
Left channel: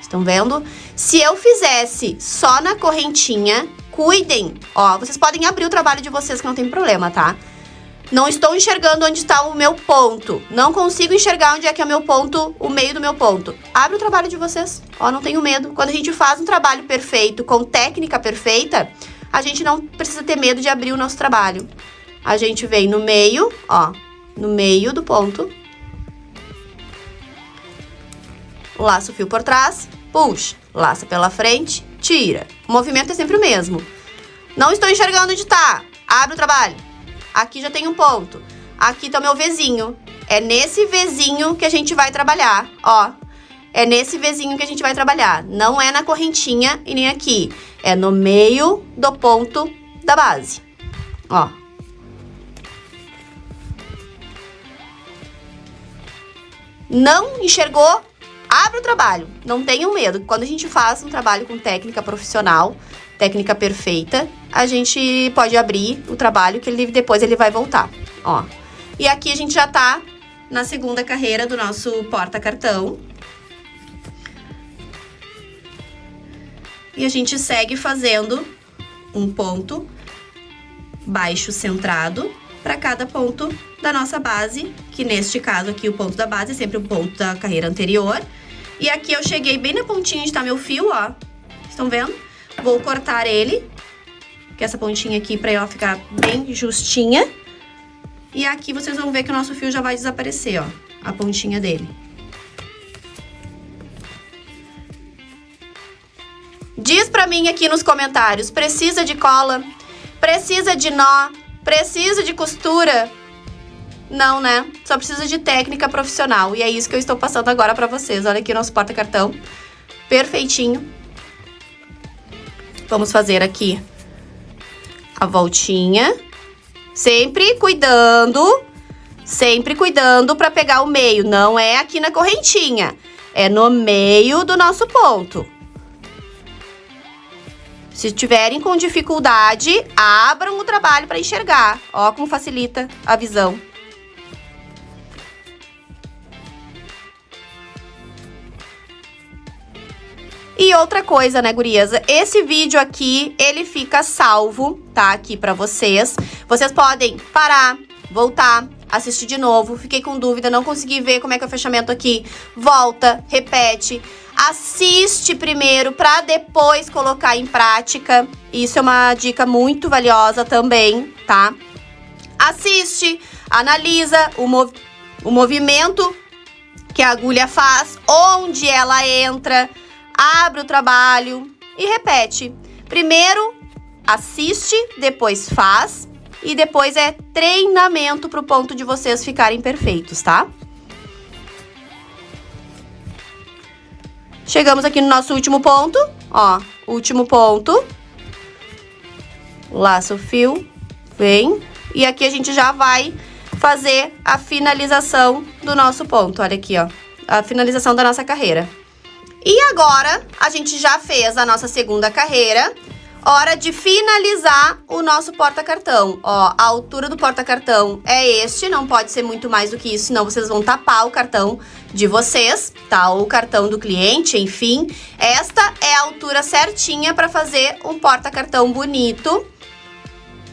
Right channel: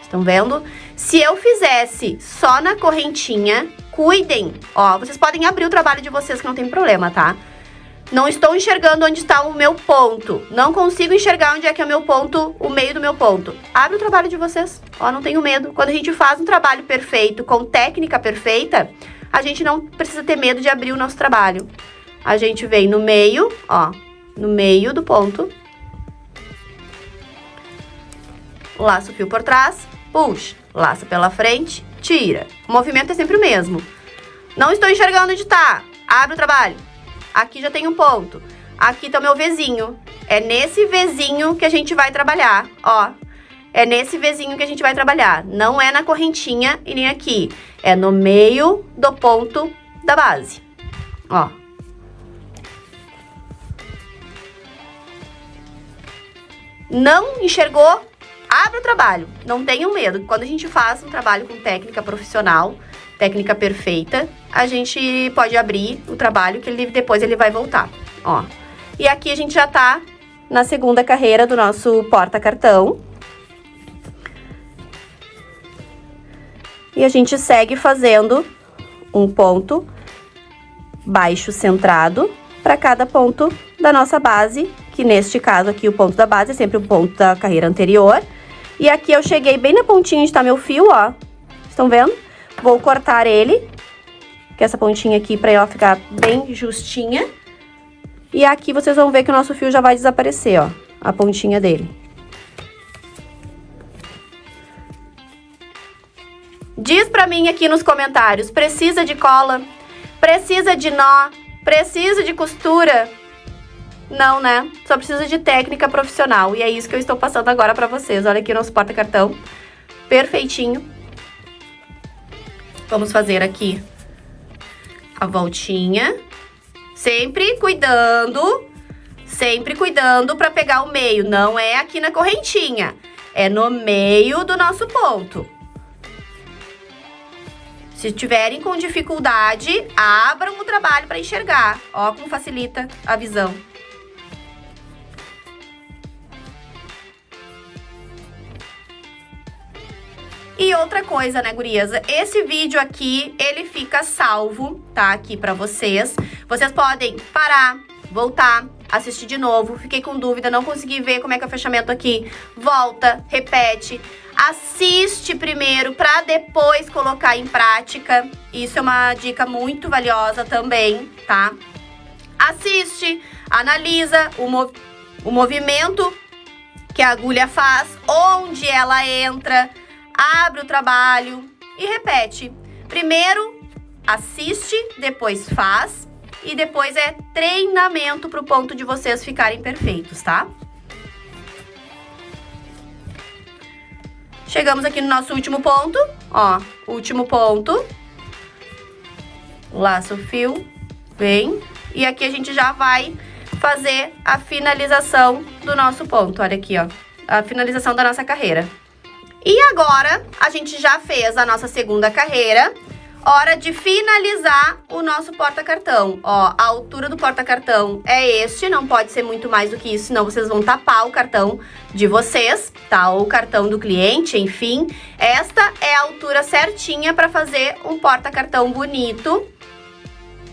Estão vendo? Se eu fizesse só na correntinha, cuidem, ó, vocês podem abrir o trabalho de vocês que não tem problema, tá? Não estou enxergando onde está o meu ponto. Não consigo enxergar onde é que é o meu ponto, o meio do meu ponto. Abre o trabalho de vocês. Ó, não tenho medo. Quando a gente faz um trabalho perfeito, com técnica perfeita, a gente não precisa ter medo de abrir o nosso trabalho. A gente vem no meio, ó, no meio do ponto. Laça o fio por trás, puxa, laça pela frente, tira. O movimento é sempre o mesmo. Não estou enxergando onde está. Abre o trabalho. Aqui já tem um ponto. Aqui tá o meu Vzinho. É nesse Vzinho que a gente vai trabalhar, ó. É nesse Vzinho que a gente vai trabalhar. Não é na correntinha e nem aqui. É no meio do ponto da base, ó. Não enxergou? Abre o trabalho. Não tenham medo. Quando a gente faz um trabalho com técnica profissional, técnica perfeita, a gente pode abrir o trabalho que depois ele vai voltar, ó. E aqui a gente já tá na segunda carreira do nosso porta-cartão. E a gente segue fazendo um ponto baixo centrado para cada ponto da nossa base, que neste caso aqui o ponto da base é sempre o ponto da carreira anterior. E aqui eu cheguei bem na pontinha onde tá meu fio, ó. Estão vendo? Vou cortar ele, que é essa pontinha aqui, pra ela ficar bem justinha. E aqui vocês vão ver que o nosso fio já vai desaparecer, ó, a pontinha dele. Diz pra mim aqui nos comentários, precisa de cola? Precisa de nó? Precisa de costura? Não, né? Só precisa de técnica profissional. E é isso que eu estou passando agora pra vocês. Olha aqui o nosso porta-cartão, perfeitinho. Vamos fazer aqui a voltinha, sempre cuidando para pegar o meio. Não é aqui na correntinha, é no meio do nosso ponto. Se tiverem com dificuldade, abram o trabalho para enxergar. Ó como facilita a visão. E outra coisa, né, gurias? Esse vídeo aqui, ele fica salvo, tá? Aqui pra vocês. Vocês podem parar, voltar, assistir de novo. Fiquei com dúvida, não consegui ver como é que é o fechamento aqui. Volta, repete. Assiste primeiro pra depois colocar em prática. Isso é uma dica muito valiosa também, tá? Assiste, analisa o movimento que a agulha faz, onde ela entra, abre o trabalho e repete. Primeiro assiste, depois faz e depois é treinamento pro ponto de vocês ficarem perfeitos, tá? Chegamos aqui no nosso último ponto, ó, último ponto. Laça o fio, vem, e aqui a gente já vai fazer a finalização do nosso ponto, olha aqui, ó, a finalização da nossa carreira. E agora, a gente já fez a nossa segunda carreira, hora de finalizar o nosso porta-cartão. Ó, a altura do porta-cartão é este, não pode ser muito mais do que isso, senão vocês vão tapar o cartão de vocês, tá? Ou o cartão do cliente, enfim. Esta é a altura certinha para fazer um porta-cartão bonito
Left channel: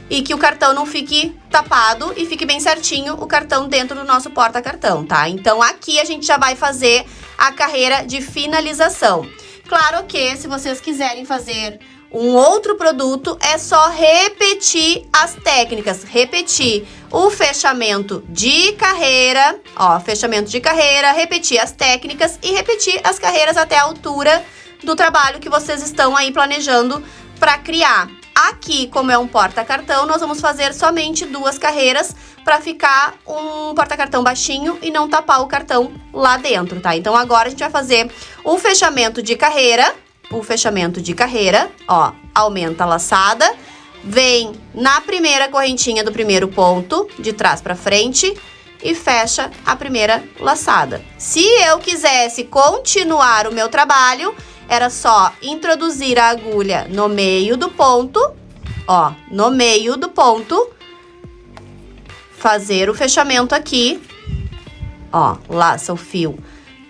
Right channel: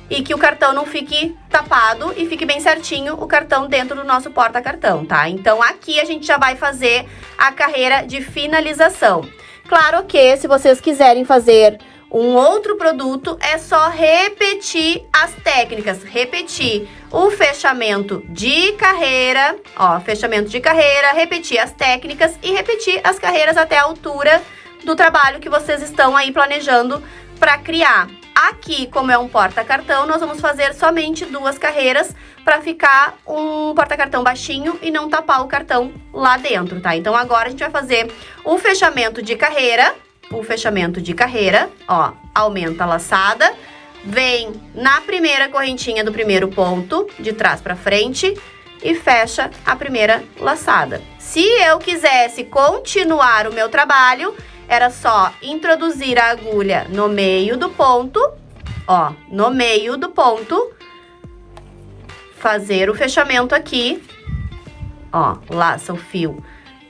e que o cartão não fique tapado e fique bem certinho o cartão dentro do nosso porta-cartão, tá? Então, aqui a gente já vai fazer a carreira de finalização. Claro que, se vocês quiserem fazer um outro produto, é só repetir as técnicas, repetir o fechamento de carreira, ó, fechamento de carreira, repetir as técnicas e repetir as carreiras até a altura do trabalho que vocês estão aí planejando para criar. Aqui, como é um porta-cartão, nós vamos fazer somente 2 carreiras para ficar um porta-cartão baixinho e não tapar o cartão lá dentro, tá? Então, agora a gente vai fazer o fechamento de carreira. O fechamento de carreira, ó, aumenta a laçada, vem na primeira correntinha do primeiro ponto, de trás para frente, e fecha a primeira laçada. Se eu quisesse continuar o meu trabalho, era só introduzir a agulha no meio do ponto, ó, no meio do ponto, fazer o fechamento aqui, ó, laça o fio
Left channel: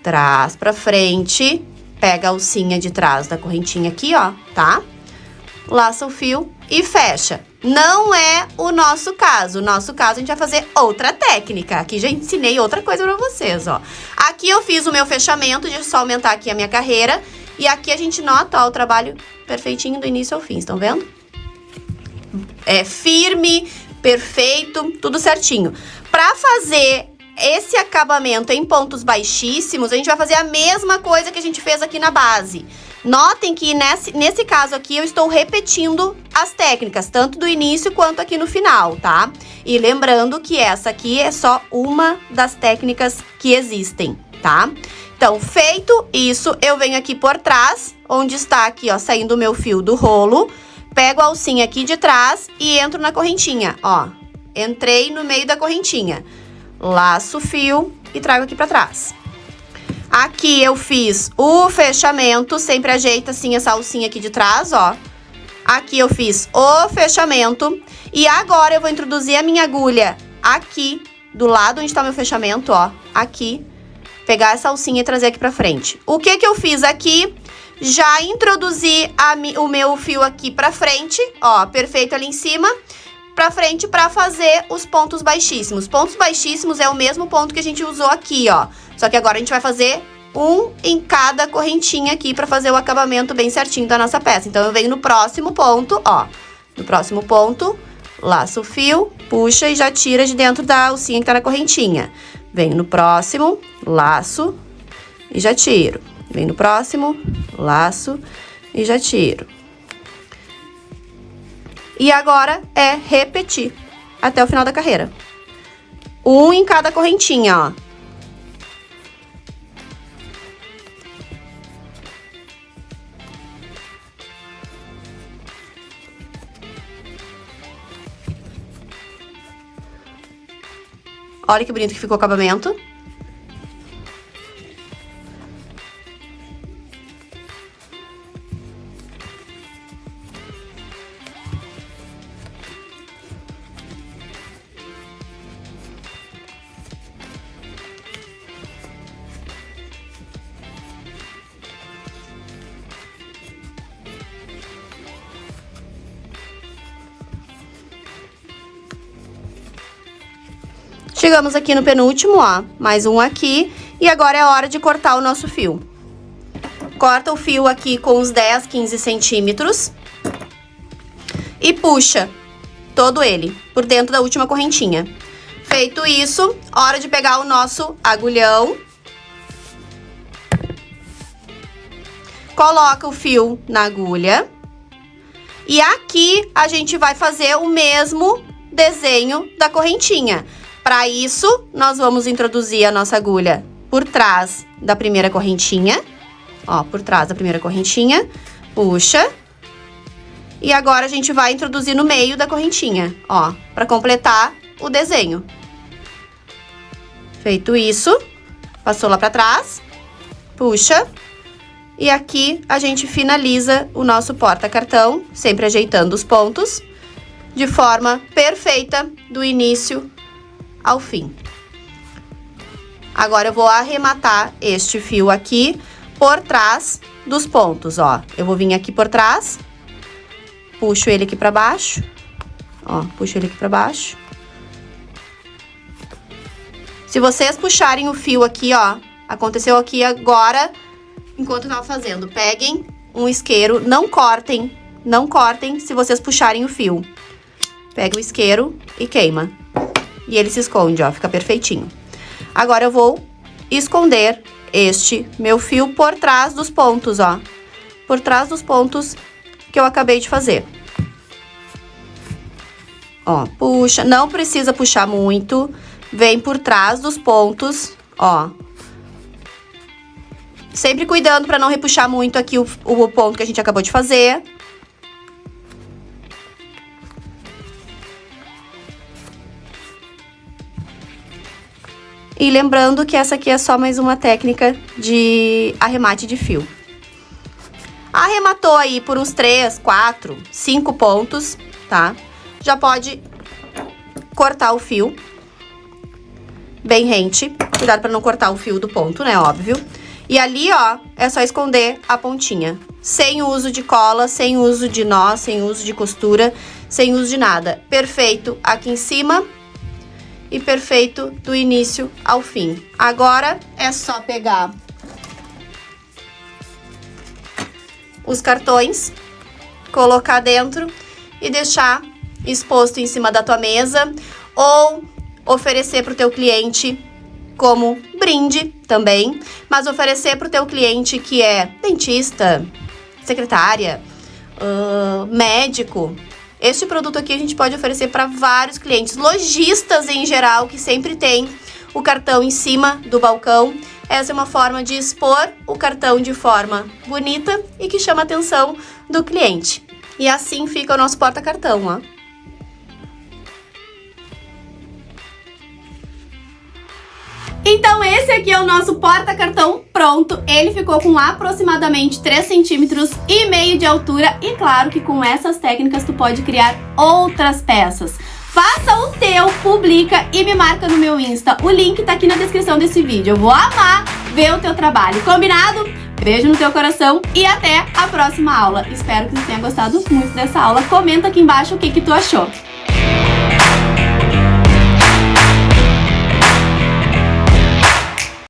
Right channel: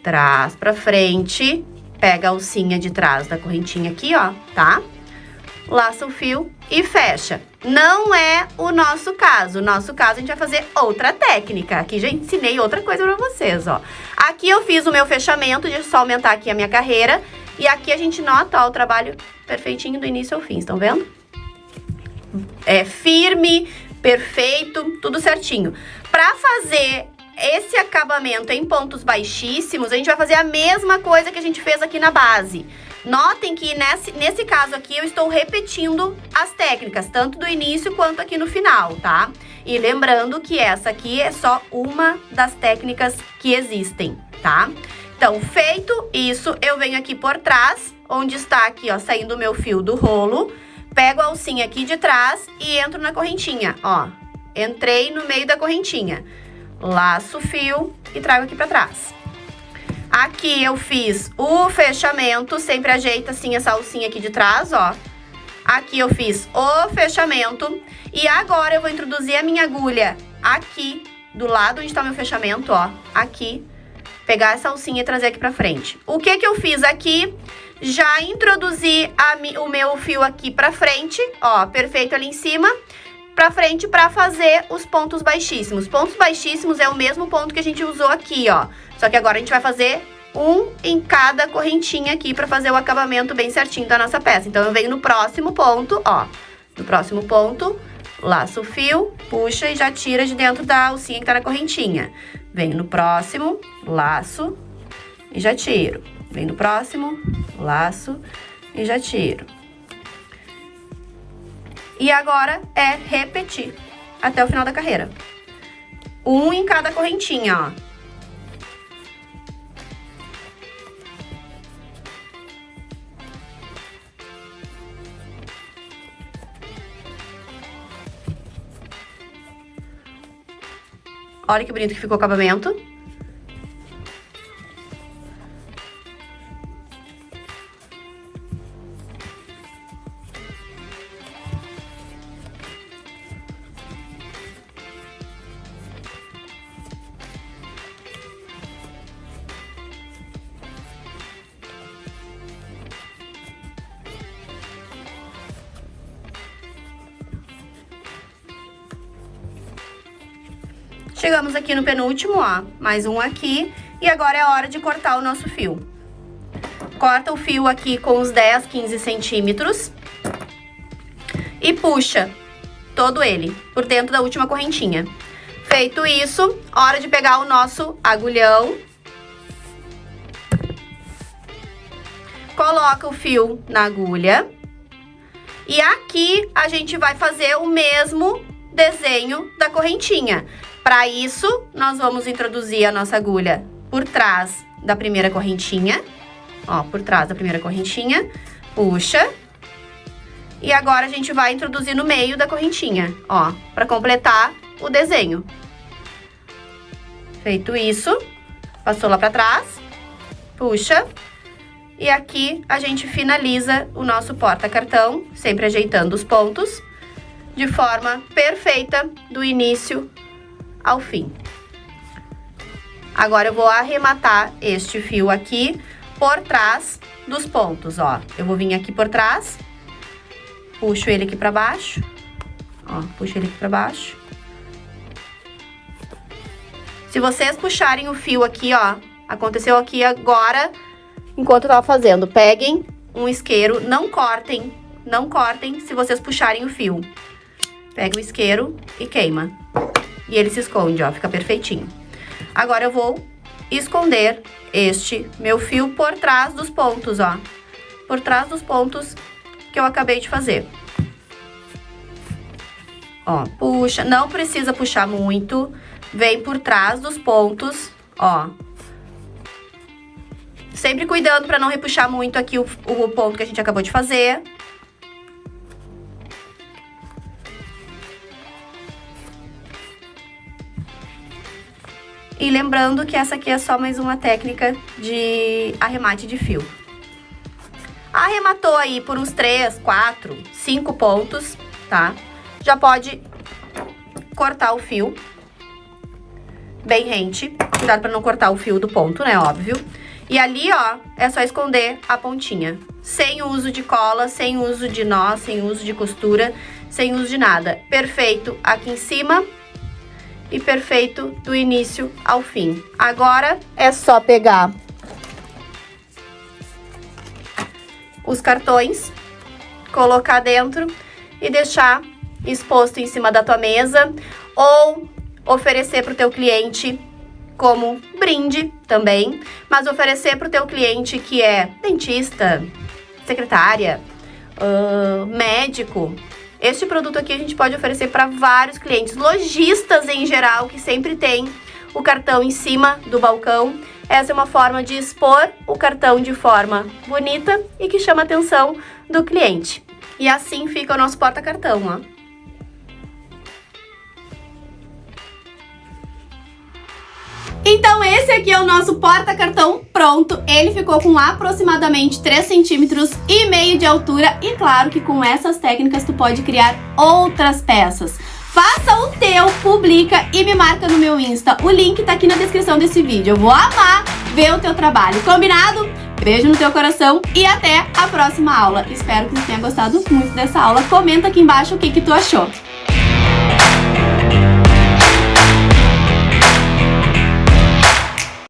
trás para frente, pega a alcinha de trás da correntinha aqui, ó, tá? Laça o fio e fecha. Não é o nosso caso. No nosso caso, a gente vai fazer outra técnica. Aqui já ensinei outra coisa pra vocês, ó. Aqui eu fiz o meu fechamento, deixa eu só aumentar aqui a minha carreira. E aqui a gente nota, ó, o trabalho perfeitinho do início ao fim, estão vendo? É firme, perfeito, tudo certinho. Pra fazer esse acabamento em pontos baixíssimos, a gente vai fazer a mesma coisa que a gente fez aqui na base. Notem que nesse caso aqui eu estou repetindo as técnicas, tanto do início quanto aqui no final, tá? E lembrando que essa aqui é só uma das técnicas que existem, tá? Então, feito isso, eu venho aqui por trás, onde está aqui, ó, saindo o meu fio do rolo, pego a alcinha aqui de trás e entro na correntinha, ó. Entrei no meio da correntinha. Laço o fio e trago aqui pra trás. Aqui eu fiz o fechamento, sempre ajeita assim essa alcinha aqui de trás, ó. Aqui eu fiz o fechamento e agora eu vou introduzir a minha agulha aqui, do lado onde tá meu fechamento, ó. Aqui, pegar essa alcinha e trazer aqui pra frente. O que que eu fiz aqui? Já introduzi o meu fio aqui pra frente, ó, perfeito ali em cima. Pra frente pra fazer os pontos baixíssimos. Pontos baixíssimos é o mesmo ponto que a gente usou aqui, ó. Só que agora a gente vai fazer um em cada correntinha aqui pra fazer o acabamento bem certinho da nossa peça. Então, eu venho no próximo ponto, ó. No próximo ponto, laço o fio, puxa e já tira de dentro da alcinha que tá na correntinha. Venho no próximo, laço e já tiro. Venho no próximo, laço e já tiro. E agora é repetir até o final da carreira. Um em cada correntinha, ó. Olha que bonito que ficou o acabamento. Chegamos aqui no penúltimo, ó, mais um aqui. E agora é a hora de cortar o nosso fio. Corta o fio aqui com uns 10, 15 centímetros. E puxa todo ele por dentro da última correntinha. Feito isso, hora de pegar o nosso agulhão. Coloca o fio na agulha. E aqui a gente vai fazer o mesmo desenho da correntinha. Para isso, nós vamos introduzir a nossa agulha por trás da primeira correntinha. Ó, por trás da primeira correntinha. Puxa. E agora a gente vai introduzir no meio da correntinha, ó, para completar o desenho. Feito isso, passou lá para trás. Puxa. E aqui a gente finaliza o nosso porta-cartão, sempre ajeitando os pontos, de forma perfeita do início ao fim. Agora eu vou arrematar este fio aqui por trás dos pontos, ó. Eu vou vir aqui por trás, puxo ele aqui pra baixo, ó, puxo ele aqui pra baixo. Se vocês puxarem o fio aqui, ó, aconteceu aqui agora, enquanto eu tava fazendo, peguem um isqueiro, não cortem se vocês puxarem o fio. Pega o isqueiro e queima. E ele se esconde, ó, fica perfeitinho. Agora eu vou esconder este meu fio por trás dos pontos, ó. Por trás dos pontos que eu acabei de fazer. Ó, puxa, não precisa puxar muito. Vem por trás dos pontos, ó. Sempre cuidando para não repuxar muito aqui o ponto que a gente acabou de fazer. E lembrando que essa aqui é só mais uma técnica de arremate de fio. Arrematou aí por uns 3, 4, 5 pontos, tá? Já pode cortar o fio bem rente. Cuidado para não cortar o fio do ponto, né? Óbvio. E ali, ó, é só esconder a pontinha. Sem uso de cola, sem uso de nó, sem uso de costura, sem uso de nada. Perfeito aqui em cima e perfeito do início ao fim. Agora é só pegar os cartões, colocar dentro e deixar exposto em cima da tua mesa ou oferecer para o teu cliente como brinde também, mas oferecer para o teu cliente que é dentista, secretária, médico. Este produto aqui a gente pode oferecer para vários clientes, lojistas em geral, que sempre tem o cartão em cima do balcão. Essa é uma forma de expor o cartão de forma bonita e que chama a atenção do cliente. E assim fica o nosso porta-cartão, ó. Então esse aqui é o nosso porta-cartão pronto. Ele ficou com aproximadamente 3,5 centímetros de altura. E claro que com essas técnicas tu pode criar outras peças. Faça o teu, publica e me marca no meu Insta. O link tá aqui na descrição desse vídeo. Eu vou amar ver o teu trabalho. Combinado? Beijo no teu coração e até a próxima aula. Espero que tu tenha gostado muito dessa aula. Comenta aqui embaixo o que tu achou.